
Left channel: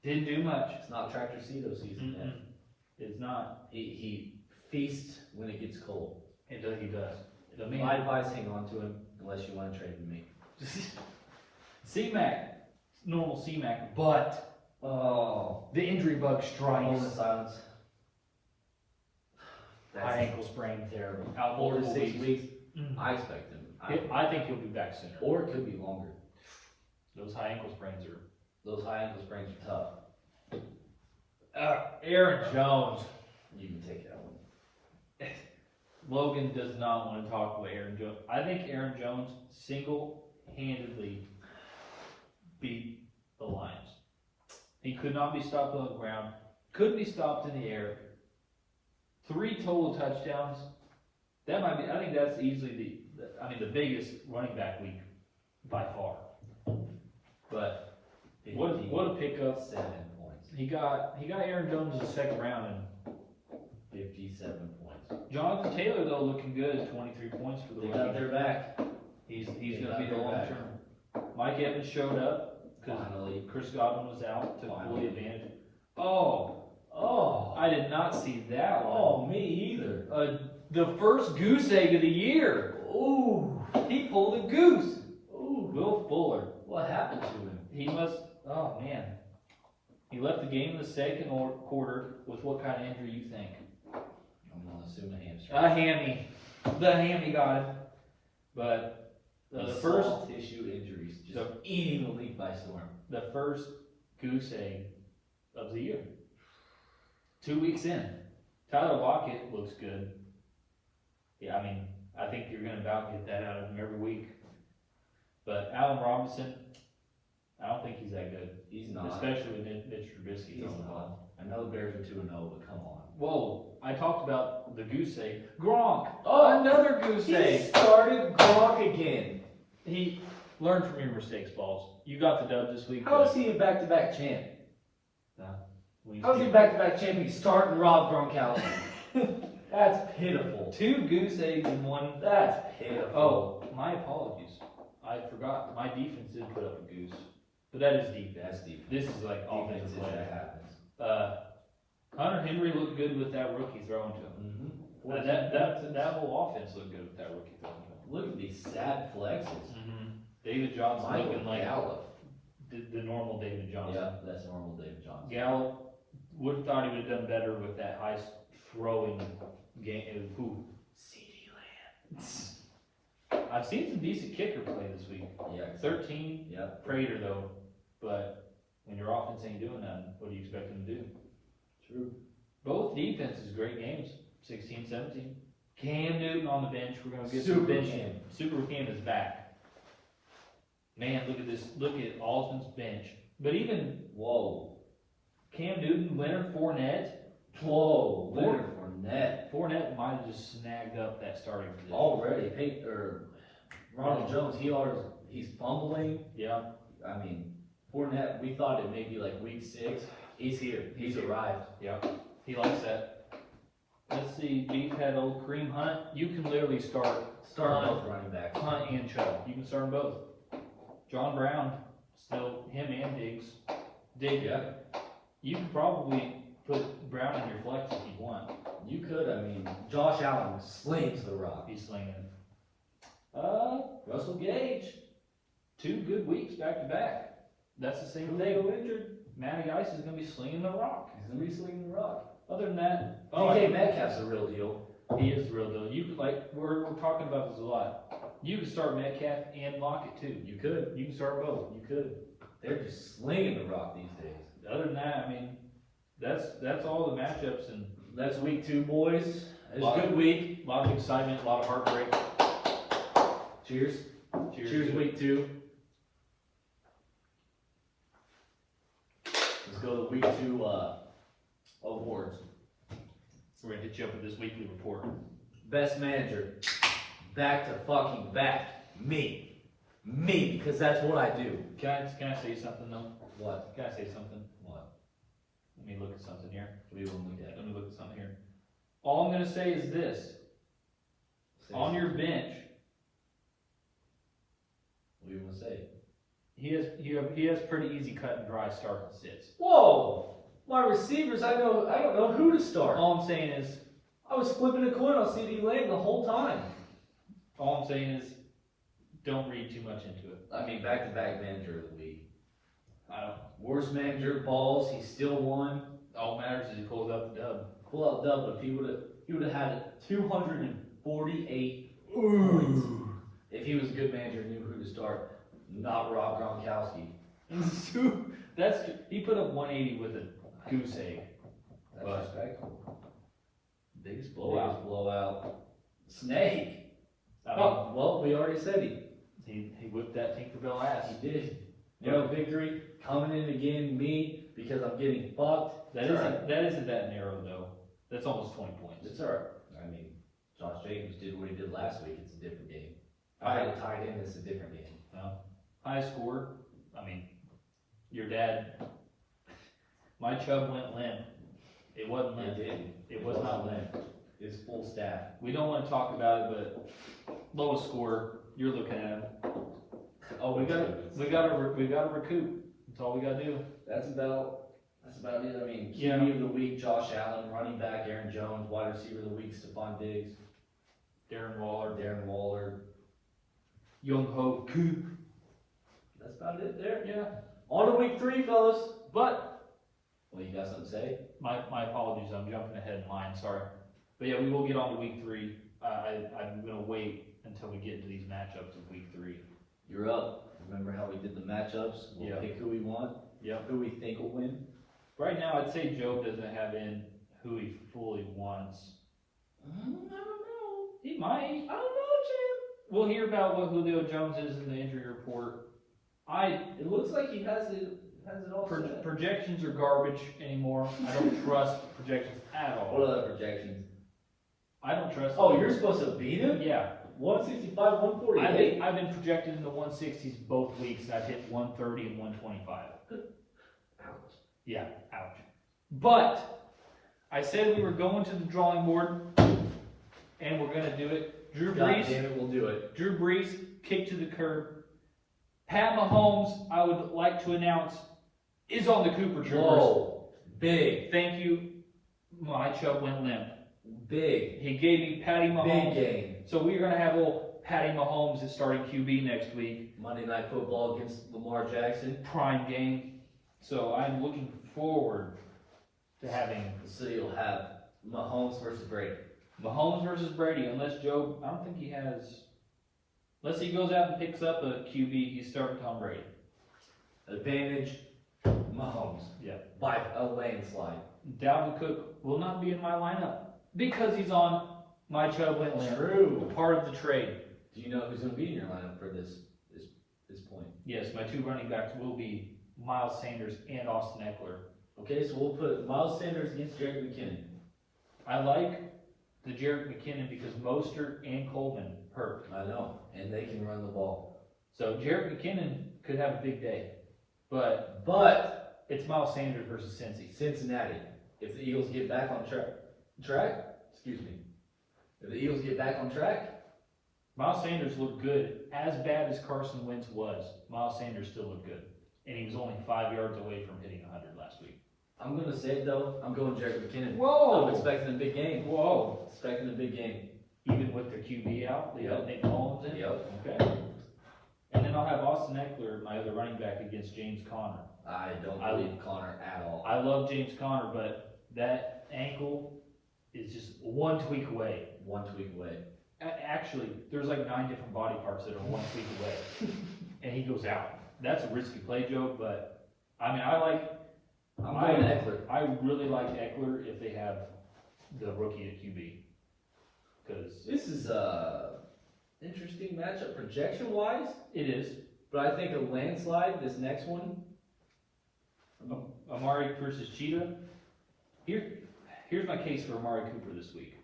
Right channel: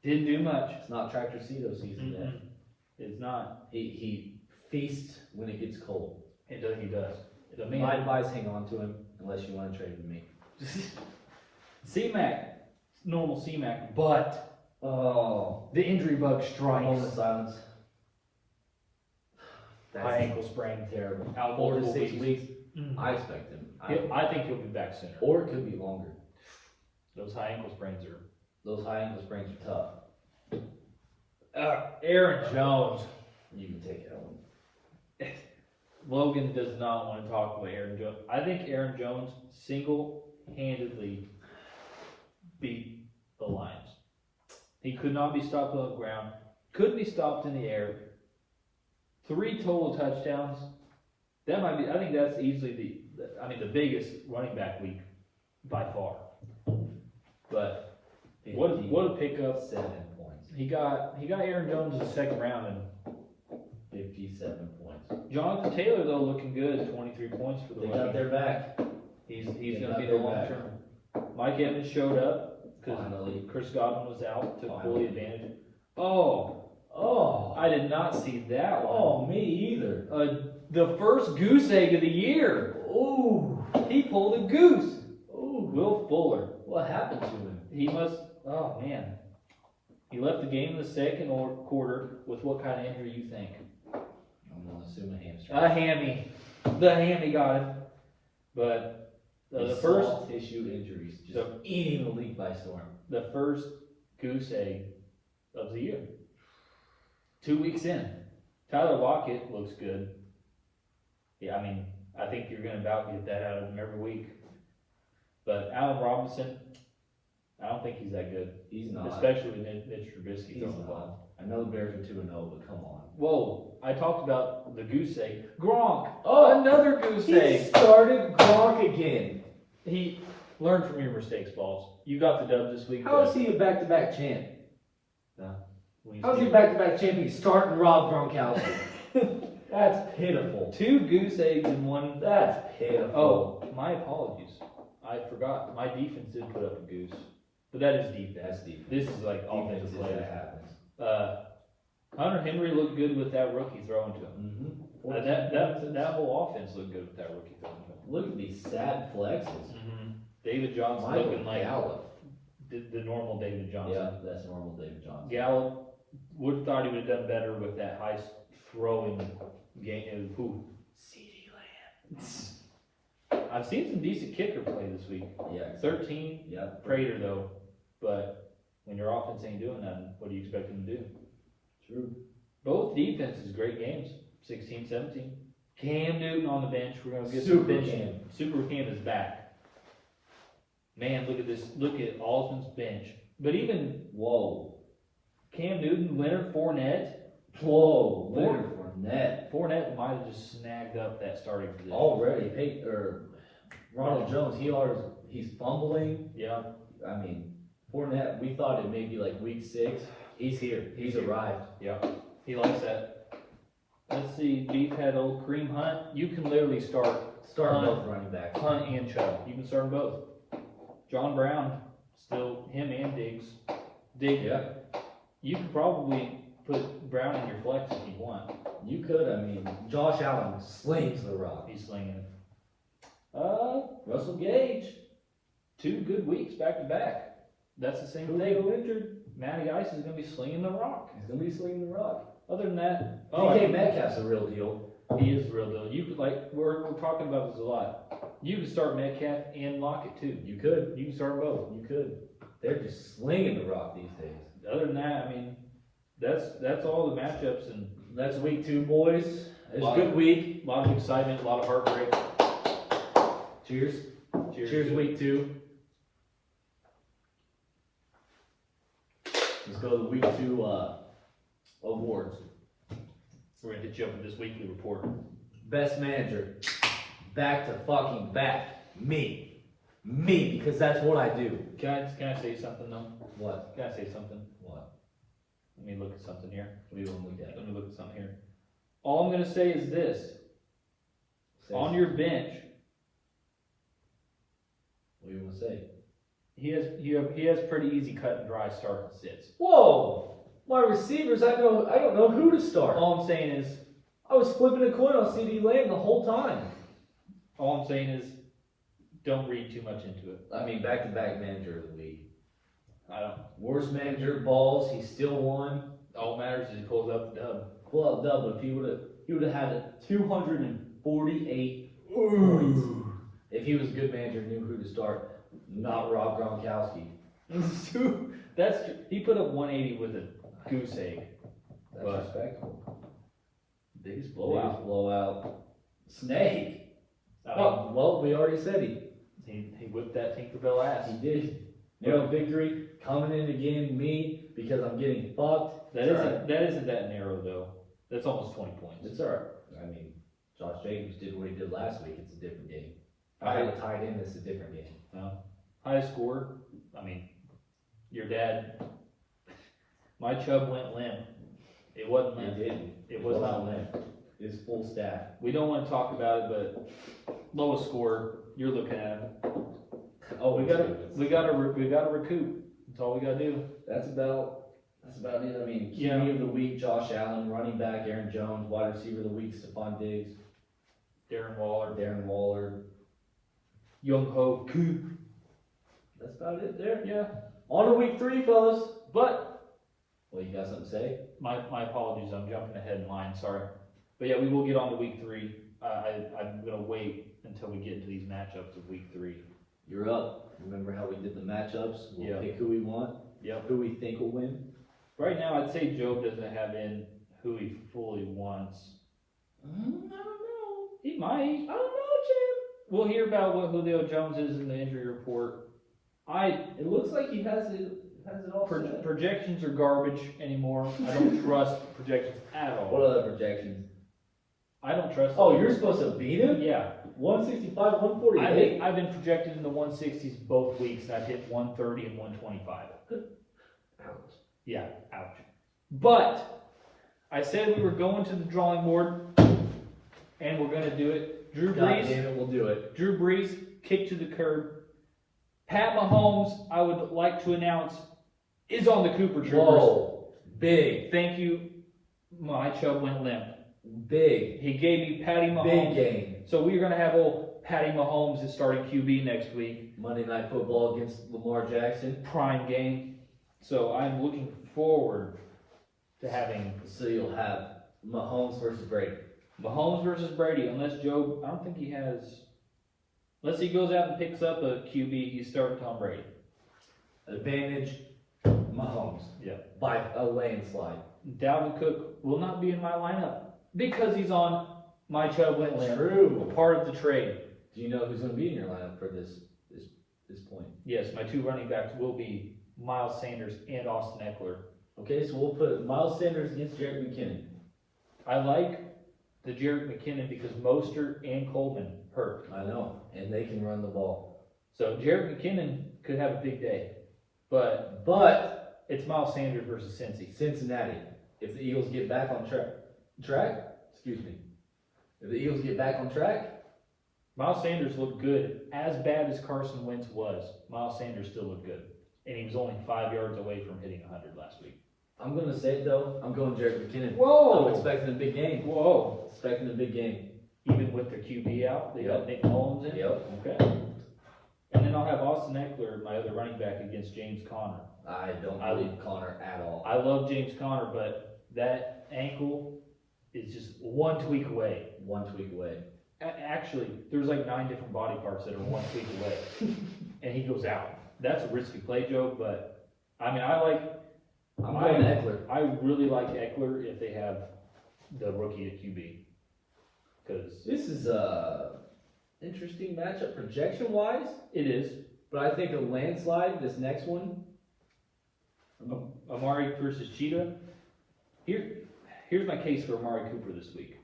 didn't do much. It's not Tractor Cedo season yet. It's not. He feasts when it gets cold. He does. The My man. advice, hang on to him unless you want to trade with me. C-Mac. Normal C-Mac, but Oh, the injury bug strikes. moment of silence. High ankle sprain. Terrible. Out 4 to multiple 6 weeks. weeks. Mm. I expect him. I think he'll be back sooner. Or it could be longer. Those high ankle sprains are. Those high ankle sprains are tough. Aaron Jones. You can take it home. Logan does not want to talk about Aaron Jones. I think Aaron Jones single-handedly beat the Lions. He could not be stopped on the ground. Couldn't be stopped in the air. 3 total touchdowns. That might be. I think that's easily the biggest running back week by far. But what a pickup! 7 points. He got Aaron Jones in the second round, and 57 points. Jonathan Taylor though looking good. 23 points for the They rookie. got their back. He's They going to got be the their long back. term. Mike Evans showed up because Finally. Chris Godwin was out, took full Finally. advantage. Oh, Oh. I did not see that one. Oh, me either. The first goose egg of the year. Ooh. He pulled a goose. Ooh. Will Fuller. What happened to him? He must. Oh man. He left the game in the second quarter with what kind of injury you think? I'm going to assume a hamstring. A hammy. The hammy got him. But the These first soft tissue injuries just the- eating the league by storm. the first goose egg of the year. 2 weeks in. Tyler Lockett looks good. Yeah, I think you're going to about get that out of him every week. But Allen Robinson, I don't think he's that good. He's not. Especially with Mitch Trubisky He's throwing the not. ball. I know the Bears are 2-0, but come on. Whoa, I talked about the goose egg. Gronk, Oh, another goose He egg. started Gronk again. He learned from your mistakes, Balls. You got the dub this week. How is he a back-to-back champ? We How's he a see- back-to-back champ? He's starting Rob Gronkowski. That's pitiful. 2 goose eggs in one. That's pitiful. Oh, my apologies. I forgot. My defense did put up a goose. But that is defense. That's defense. This is like Defense offensive is players. that happens. Hunter Henry looked good with that rookie throwing to him. Mm-hmm. That whole offense looked good with that rookie throwing to him. Look at these sad flexes. David Johnson Michael looking like Gallup. the normal David Johnson. Yeah, that's normal David Johnson. Gallup would thought he would have done better with that high throwing game. CeeDee Lamb. I've seen some decent kicker play this week. Yeah. 13 Yeah. Prater though, but when your offense ain't doing nothing, what do you expect them to do? True. Both defenses, great games. 16-17. Cam Newton on the bench. We're gonna get Super some bench. Cam. Super Cam is back. Man, look at this. Look at Alston's bench. But even Whoa. Cam Newton, Leonard Fournette. Whoa. Leonard Fournette. Fournette might have just snagged up that starting position. Already. Ronald Jones, he's fumbling. Yeah. Fournette, we thought it may be like week 6. He's here. He's arrived. Yeah. He likes that. Let's see. Beef had old Kareem Hunt. You can literally start Start both running backs. Hunt and Chubb. You can start them both. John Brown, still him and Diggs. Yeah. You can probably put Brown in your flex if you want. You could, Josh Allen slings the rock. He's slinging. Russell Gage. 2 good weeks back to back. That's the same Julio thing. Richard. Matty Ice is going to be slinging the rock. He's going to be slinging the rock. Other than that, DK Metcalf's a real deal. he is the real deal. You could we're talking about this a lot. You can start Metcalf and Lockett too. You could. You can start both. You could. They're just slinging the rock these days. Other than that, that's all the matchups and That's week 2, boys. It's Wow. a good week. a lot of excitement, a lot of heartbreak. Cheers. Cheers, week 2. go to the week 2, awards. We're gonna hit you up with this weekly report. Best manager. Back to fucking back. Me, because that's what I do. Can I say something though? What? Can I say something? What? Let me look at something here. What do you want me to Let me look at something here. All I'm gonna say is this. say? On your bench, What do you want to say? he has pretty easy cut and dry start and sits. Whoa! My receivers, I don't know who to start. All I'm saying is I was flipping a coin on CD Lamb the whole time. all I'm saying is don't read too much into it. I mean, back-to-back manager of the week. I don't Worst manager, balls, he still won. all that matters is he pulls up the dub. Pull out dub, but if he would have had 248 points. If he was a good manager, knew who to start, not Rob Gronkowski. He put up 180 with a goose egg. That's But- respectful. Biggest Biggest blowout. Snake. Oh, Well, we already said he whipped that Tinkerbell ass. he did. You know, victory coming in again, me, because I'm getting fucked. That isn't that narrow though. That's almost 20 points. It's alright. I mean, Josh Jacobs did what he did last week. It's a different game. I- I had tied in. It's a different game. High scored. I mean, your dad. My Chubb went limp. It wasn't It limp. did. It was not limp. His full staff. We don't want to talk about it, but lowest scored. You're looking at him. Oh, We gotta recoup. That's all we gotta do. That's about it. I mean, Yeah. QB of the week, Josh Allen, running back, Aaron Jones, wide receiver of the week, Stephon Diggs, Darren Waller, Darren Waller. Young Ho, Coop. That's about it there. Yeah. On to week 3, fellas. But Well, you got something to say? my apologies. I'm jumping ahead in line. Sorry. But yeah, we will get on to week 3. I'm gonna wait until we get into these matchups of week 3. You're up. Remember how we did the matchups? We'll Yeah. pick who we want, Yeah. who we think will win. Right now, I'd say Job doesn't have in who he fully wants. I don't know. He might. I don't know, Jim. We'll hear about what Julio Jones is in the injury report. It looks like he has it all set. Projections are garbage anymore. I don't trust projections at all. What other projections? I don't trust. Oh, them. you're supposed to beat him? Yeah. 165, 148. I've been projected in the 160s both weeks, and I've hit 130 and 125. Ouch. Yeah, ouch. But I said we were going to the drawing board, and we're gonna do it. Drew God Brees. damn it, we'll do it. Drew Brees, kick to the curb. Pat Mahomes, I would like to announce, is on the Cooper Troopers. Whoa. Big. Thank you. My Chubb went limp. Big. He gave me Patty Big Mahomes. game. So we're going to have old Patty Mahomes as starting QB next week. Monday Night Football against Lamar Jackson. Prime game. So I'm looking forward to having So you'll have Mahomes versus Brady. Mahomes versus Brady. Unless Joe, I don't think he has. Unless he goes out and picks up a QB, he's starting Tom Brady. Advantage, Mahomes. Yeah. By a landslide. Dalvin Cook will not be in my lineup because he's on my Chubb went limp. True. Part of the trade. Do you know who's going to be in your lineup for this point? Yes, my 2 running backs will be Miles Sanders and Austin Eckler. Okay, so we'll put Miles Sanders against Jerick McKinnon. I like the Jerick McKinnon because Mostert and Coleman hurt. I know, and they can run the ball. So Jerick McKinnon could have a big day. But it's Miles Sanders versus Cincy. Cincinnati, if the Eagles get back on track, if the Eagles get back on track, Miles Sanders looked good. As bad as Carson Wentz was, Miles Sanders still looked good. And he was only 5 yards away from hitting 100 last week. I'm going to say it though, I'm going Jerick McKinnon. Whoa! I'm expecting a big game. Whoa! Expecting a big game. Even with their QB out, they got Nick Mullins in. Yep. Okay. And then I'll have Austin Eckler, my other running back, against James Conner. I don't believe Connor at all. I love James Conner, but that ankle is just one tweak away. One tweak away. Actually, there's like 9 different body parts that are one tweak away, and he goes out. That's a risky play, Joe. But I mean, I'm going Eckler. I really like Eckler if they have the rookie at QB, because This is a interesting matchup projection wise, it is. but I think a landslide. This next one, Amari versus Cheetah. Here's my case for Amari Cooper this week.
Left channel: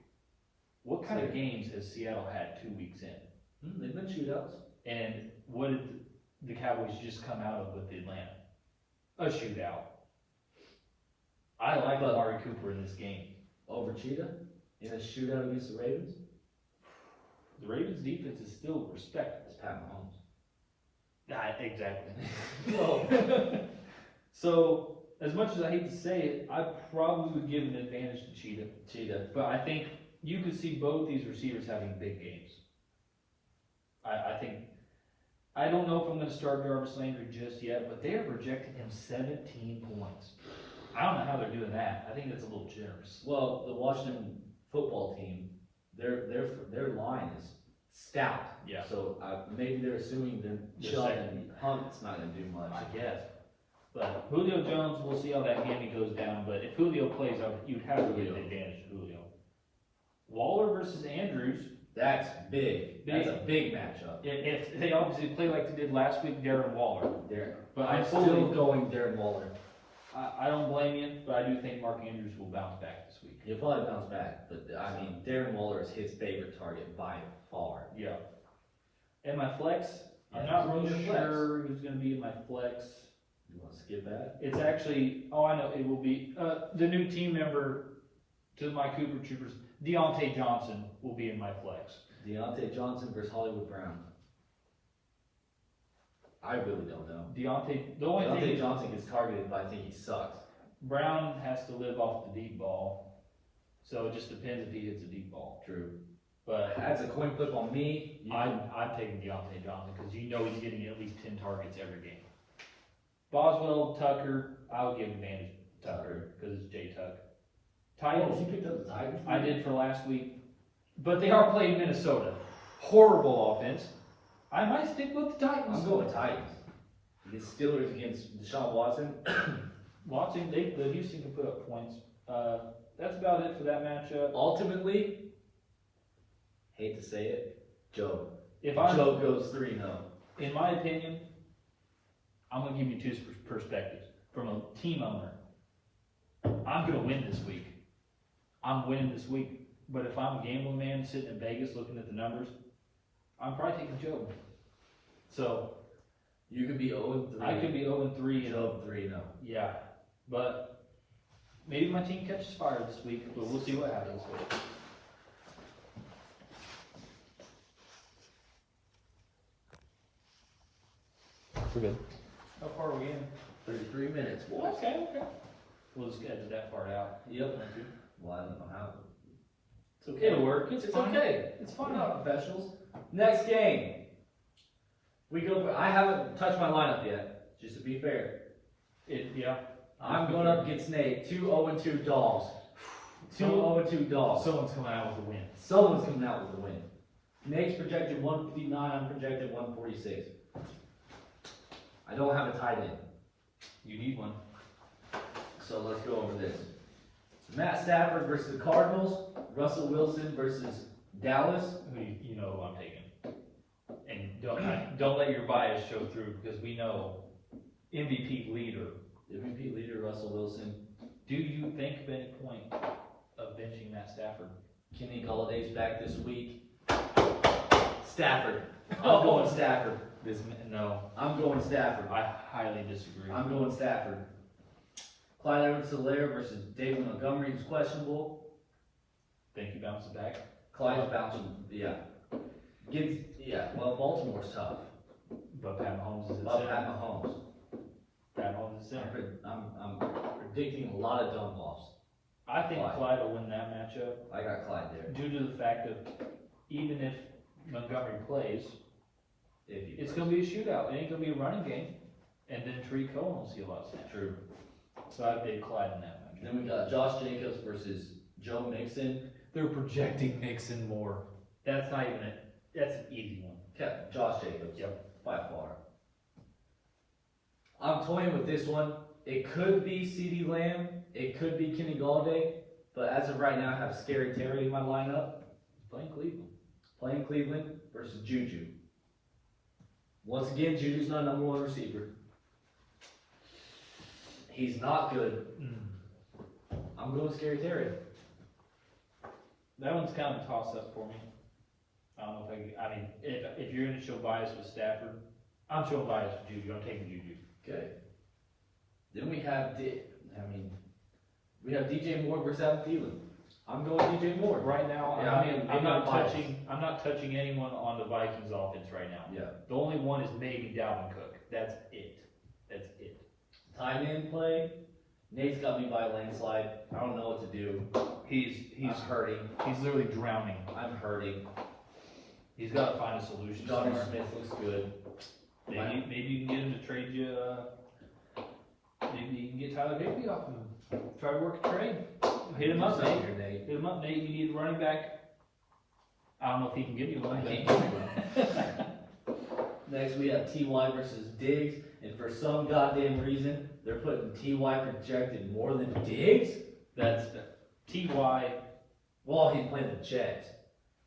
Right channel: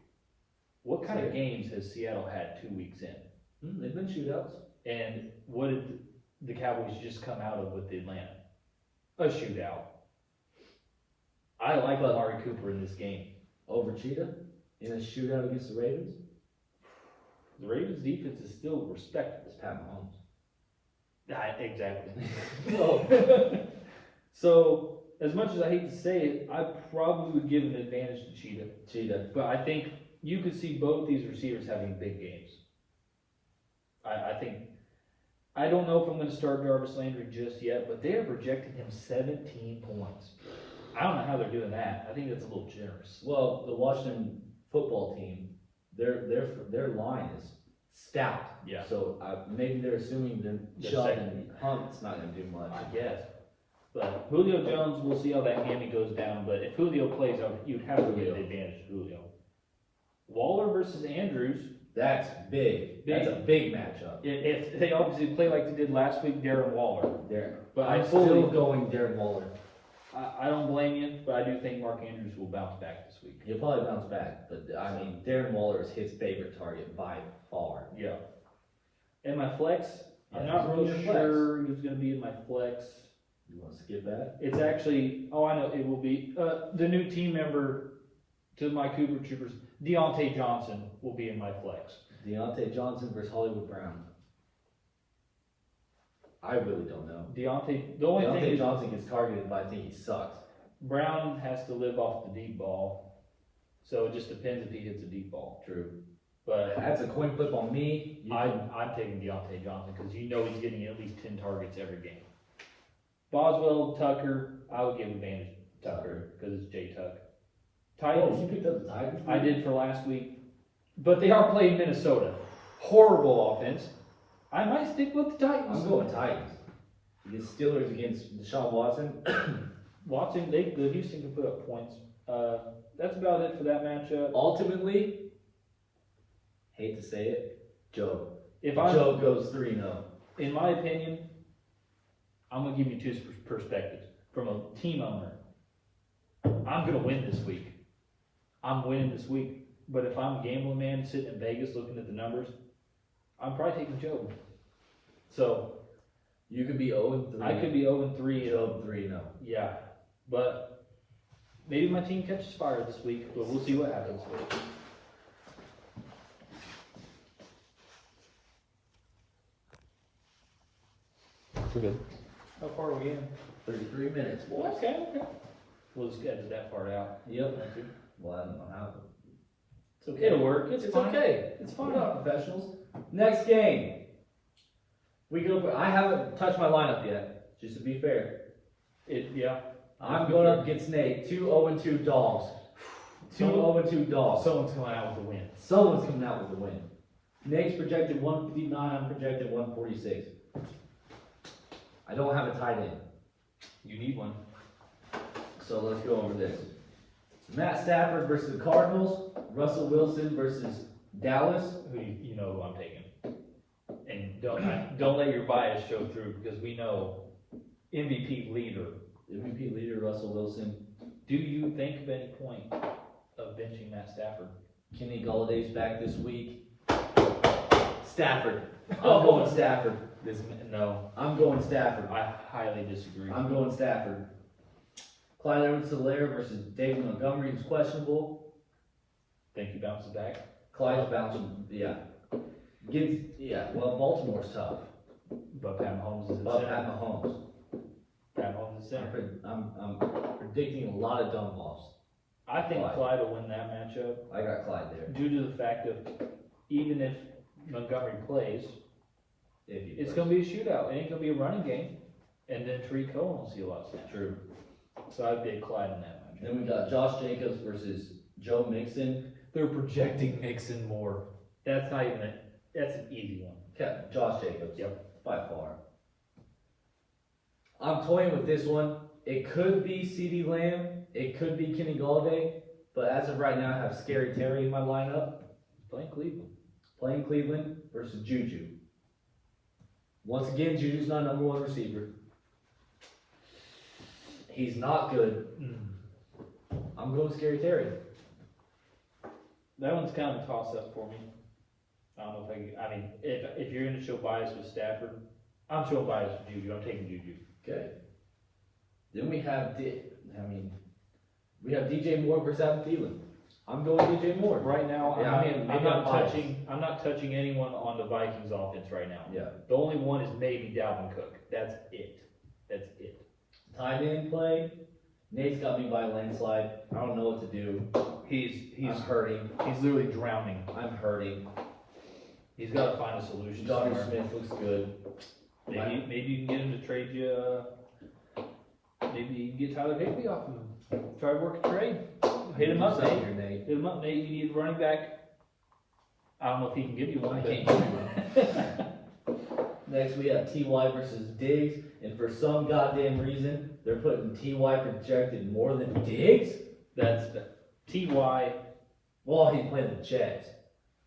What kind of games has Seattle had 2 weeks in? They've been shootouts. And what did the Cowboys just come out of with Atlanta? A shootout. I like Amari Cooper in this game. Over Cheetah in a shootout against the Ravens. The Ravens defense is still respectable. It's Pat Mahomes. Exactly. Whoa. So, as much as I hate to say it, I probably would give an advantage to Cheetah. But I think you could see both these receivers having big games. I don't know if I'm going to start Jarvis Landry just yet, but they're projecting him 17 points. I don't know how they're doing that. I think that's a little generous. Well, the Washington football team, their line is stout. Yeah. So maybe they're assuming that Sheldon Hunt's not going to do much. I guess. But Julio Jones, we'll see how that hammy goes down. But if Julio plays, you'd have to give the advantage to Julio. Waller versus Andrews. That's big. That's a big matchup. If they obviously play like they did last week, Darren Waller. But I'm still going Darren Waller. I don't blame you, but I do think Mark Andrews will bounce back this week. He'll probably bounce back, but I mean, Darren Waller is his favorite target by far. Yeah. And my flex, I'm not who's really in your sure who's going to be in my flex. You want to skip that? It's actually, I know, it will be the new team member to my Cooper Troopers, Deontay Johnson, will be in my flex. Deontay Johnson versus Hollywood Brown. I really don't know. The only thing Deontay is Johnson gets targeted, but I think he sucks. Brown has to live off the deep ball, so it just depends if he hits a deep ball. True. But That's a coin flip on me. I'm taking Deontay Johnson because you know he's getting at least 10 targets every game. Boswell, Tucker, I would give advantage to Tucker because it's J Tuck. Titans, you picked up the Titans? I did for last week, but they are playing Minnesota. Horrible offense. I might stick with the Titans. I'm going Titans. The Steelers against Deshaun Watson. Watson, the Houston can put up points. That's about it for that matchup. Ultimately, hate to say it, Joe. Joe Joe goes 3-0. In my opinion, I'm gonna give you two perspectives from a team owner. I'm gonna win this week. I'm winning this week. But if I'm a gambling man sitting in Vegas looking at the numbers, I'm probably taking Joe. So You could be 0-3. I could be 0-3. Joe 3-0. Yeah, but maybe my team catches fire this week. But we'll see what happens. Too good. How far are we in? 33 minutes, boys. Okay. We'll just edit that part out. Yep. Well, I don't know how. It's okay. It'll work. It's fine. okay. It's We're fine. not professionals. Next game. We go. I haven't touched my lineup yet. Just to be fair, Yeah. I'm going up against Nate. 2-0-2 dogs. 2-0-2 dogs. Someone's going out with a win. Someone's coming out with a win. Nate's projected 159. I'm projected 146. I don't have a tight end, You need one. so let's go over this. Matt Stafford versus the Cardinals. Russell Wilson versus Dallas. You know who I'm taking. And don't let your bias show through because we know MVP leader. MVP leader Russell Wilson. Do you think of any point of benching Matt Stafford? Kenny Galladay's back this week. Stafford. I'm going Stafford. No, I'm going Stafford. I highly disagree. I'm going Stafford. Clyde Edwards-Helaire versus David Montgomery, who's questionable. Think he bounces back? Clyde's bouncing, well, Baltimore's tough. But Pat Mahomes is But at Pat Mahomes. Pat Mahomes is center. I'm predicting a lot of dumb balls. I think Clyde. Clyde will win that matchup I got Clyde there. due to the fact that even if Montgomery plays, If he it's plays. going to be a shootout. It ain't going to be a running game. And then Tariq Cohen will see a lot of snaps. True. So I'd get Clyde in that matchup. Then we got Josh Jacobs versus Joe Mixon. They're projecting Mixon more. That's not even that's an easy one. Okay, Josh Jacobs. Yep. By far. I'm toying with this one. It could be CeeDee Lamb. It could be Kenny Galladay. But as of right now, I have Scary Terry in my lineup. Playing Cleveland. Playing Cleveland versus Juju. Once again, Juju's not number one receiver. He's not good. I'm going Scary Terry. That one's kind of a toss-up for me. I don't know if I mean, if you're gonna show bias with Stafford, I'm showing bias with Juju. I'm taking Juju. Okay. Then we have, we have DJ Moore versus Adam Thielen. I'm going DJ Moore. Right now, Yeah, I mean, maybe I'm biased. I'm not touching anyone on the Vikings offense right now. Yeah. The only one is maybe Dalvin Cook. That's it. Time in play. Nate's got me by a landslide. I don't know what to do. I'm hurting. He's literally drowning. I'm hurting. He's got to find a solution. Johnny somewhere. Smith looks good. Maybe you can get him to trade you. Maybe you can get Tyler Higbee off of him. Try to work a trade. Hit him up, Nate. Hit him up, Nate. You need a running back. I don't know if he can give you one. I can't give you one. Next, we have T.Y. versus Diggs, and for some goddamn reason, they're putting T.Y. projected more than Diggs? That's the T.Y. Well, he's playing the Jets.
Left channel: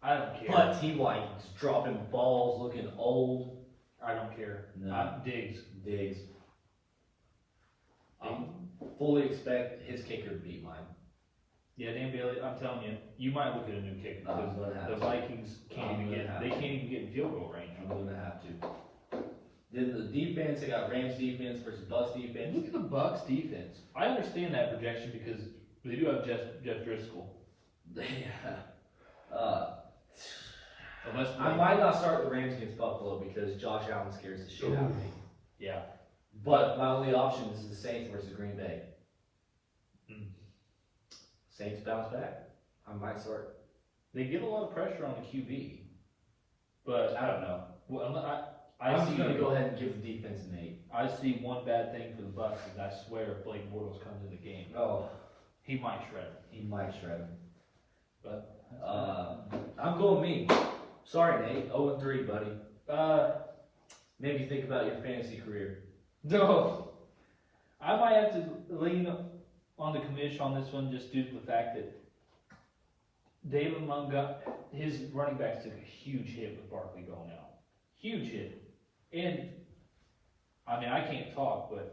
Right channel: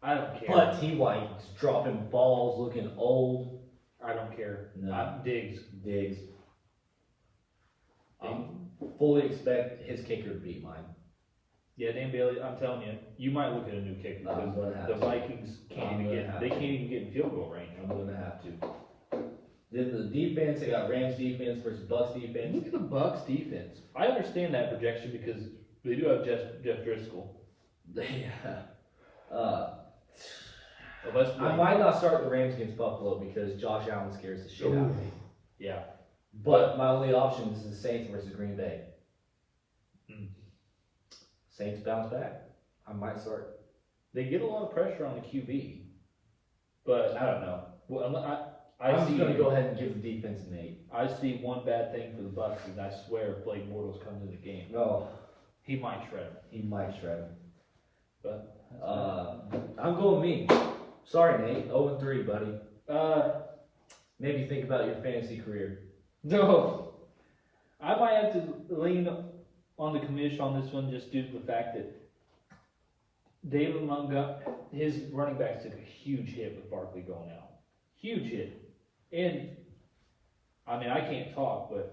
I don't care. But T.Y. is dropping balls, looking old. I don't care. No. Diggs. I fully expect his kicker to beat mine. Yeah, Dan Bailey, I'm telling you, you might look at a new kicker because the Vikings can't even get in field goal range. I'm gonna have to. Then the defense, I got Rams defense versus Bucks defense. Look at the Bucks defense. I understand that projection because they do have Jeff Driscoll. I might not start the Rams against Buffalo because Josh Allen scares the shit out of me. Yeah. But my only option is the Saints versus Green Bay. Saints bounce back. I might start. They get a lot of pressure on the QB, but I don't know. Well, I'm just gonna go ahead and give the defense an 8. I see one bad thing for the Bucks is I swear if Blake Bortles comes in the game, he might shred him. He might shred him. But I'm going me. Sorry, Nate. 0-3, buddy. Maybe think about your fantasy career. No, I might have to lean on the commish on this one just due to the fact that David Montgomery, his running backs took a huge hit with Barkley going out. Huge hit. And, I mean, I can't talk, but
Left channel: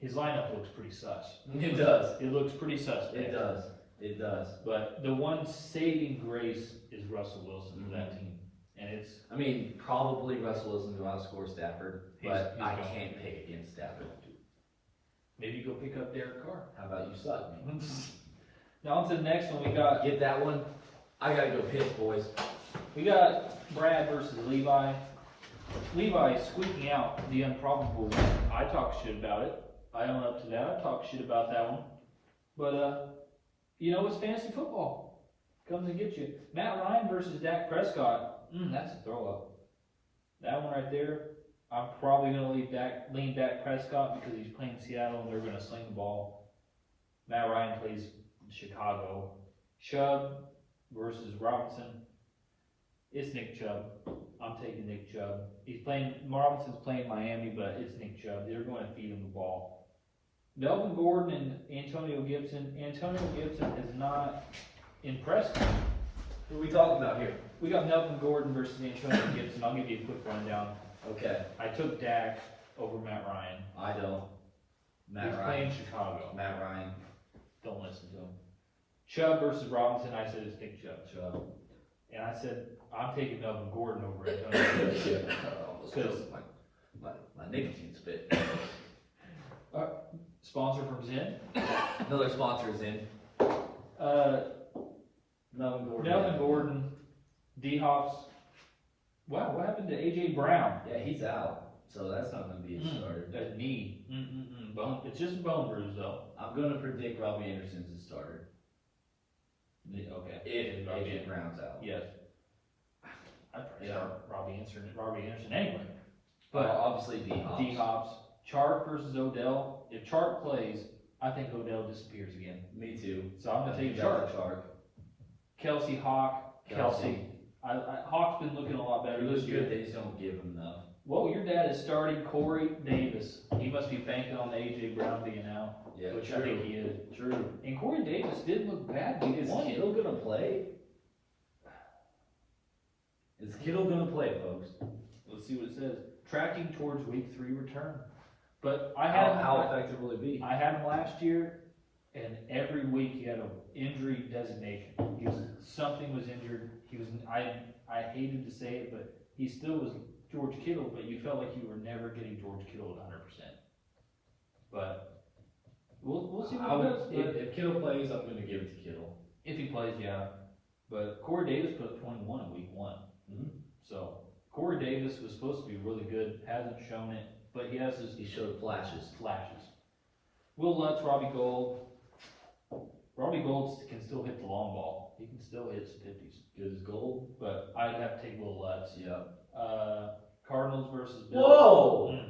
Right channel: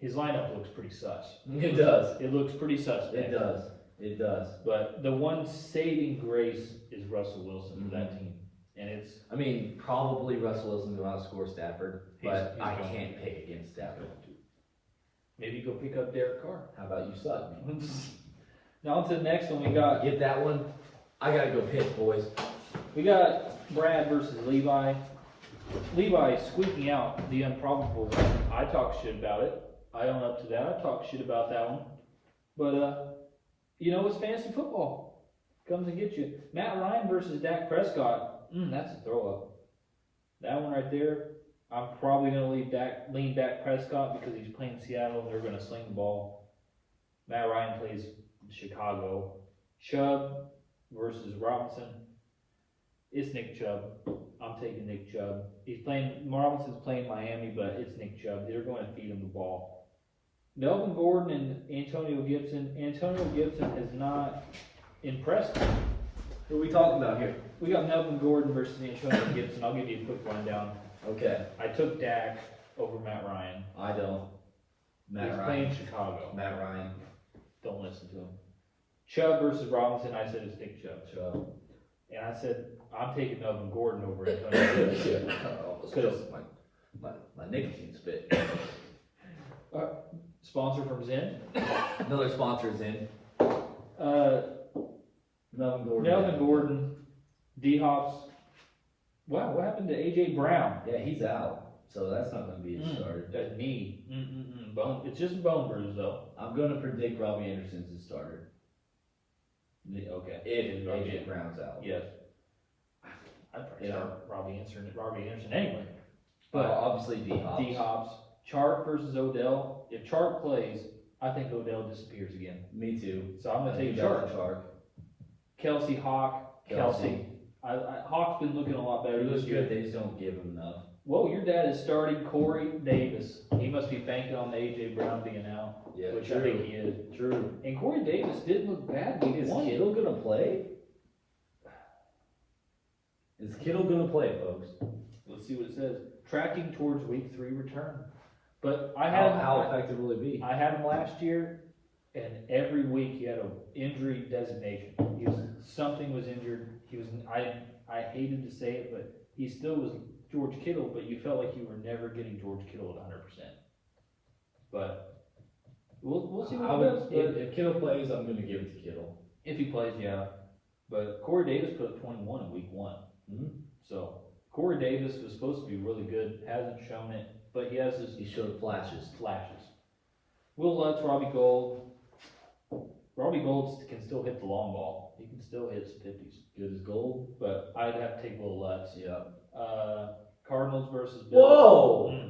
his lineup looks pretty sus. It does. It looks pretty sus. It does. But the one saving grace is Russell Wilson for that team. And it's... I mean, probably Russell Wilson will outscore Stafford, but he's I going. can't pick against Stafford. Maybe go pick up Derek Carr. How about you suck me? Now on to the next one. We got... Get that one. I gotta go piss, boys. We got Brad versus Levi. Levi squeaking out the improbable win. I talk shit about it. I own up to that. I talk shit about that one. But, it's fantasy football. Comes and get you. Matt Ryan versus Dak Prescott. That's a throw up. That one right there. I'm probably going to lean Dak Prescott because he's playing Seattle and they're going to sling the ball. Matt Ryan plays Chicago. Chubb versus Robinson. It's Nick Chubb. I'm taking Nick Chubb. Robinson's playing Miami, but it's Nick Chubb. They're going to feed him the ball. Melvin Gordon and Antonio Gibson. Antonio Gibson has not impressed me. Who are we talking about here? We got Melvin Gordon versus Antonio Gibson. I'll give you a quick rundown. Okay. I took Dak over Matt Ryan. I don't. He's playing Chicago. Matt Ryan. Don't listen to him. Chubb versus Robinson. I said it's Nick Chubb. And I said I'm taking Melvin Gordon over Antonio Gibson. Because my nicotine spit. Sponsor from Zen. Another sponsor is in. Melvin Gordon. D-Hops. Wow, what happened to A.J. Brown? Yeah, he's out. So that's not going to be a starter. That's me. Bone. It's just a bone bruise, though. I'm going to predict Robbie Anderson's the starter. Yeah, okay. If A.J. Brown's out. Yes. I'd probably start Robbie Anderson anyway. But obviously D-Hops. D-Hops. Chark versus Odell. If Chark plays, I think Odell disappears again. Me too. So I'm going to take Chark. Kelsey, Hawk. Kelsey. Hawk's been looking a lot better. He looks good, they just don't give him enough. Whoa, your dad is starting Corey Davis. He must be banking on A.J. Brown being out. Yeah, which true. I think he is. True. And Corey Davis didn't look bad. Is Kittle gonna play? Is Kittle gonna play, folks? Let's see what it says. Tracking towards week 3 return. But I had How effective will it be? I had him last year, and every week he had an injury designation. Something was injured. I hated to say it, but he still was George Kittle, but you felt like you were never getting George Kittle at 100%. But we'll see what he does. If Kittle plays, I'm gonna give it to Kittle. If he plays, yeah. But Corey Davis put up 21 in week 1. Mm-hmm. So Corey Davis was supposed to be really good, hasn't shown it, but he has his He showed flashes. Will Lutz, Robbie Gold. Robbie Gold can still hit the long ball. He can still hit some 50s. Good as gold. But I'd have to take Will Lutz. Yeah. Cardinals versus Bills. Whoa!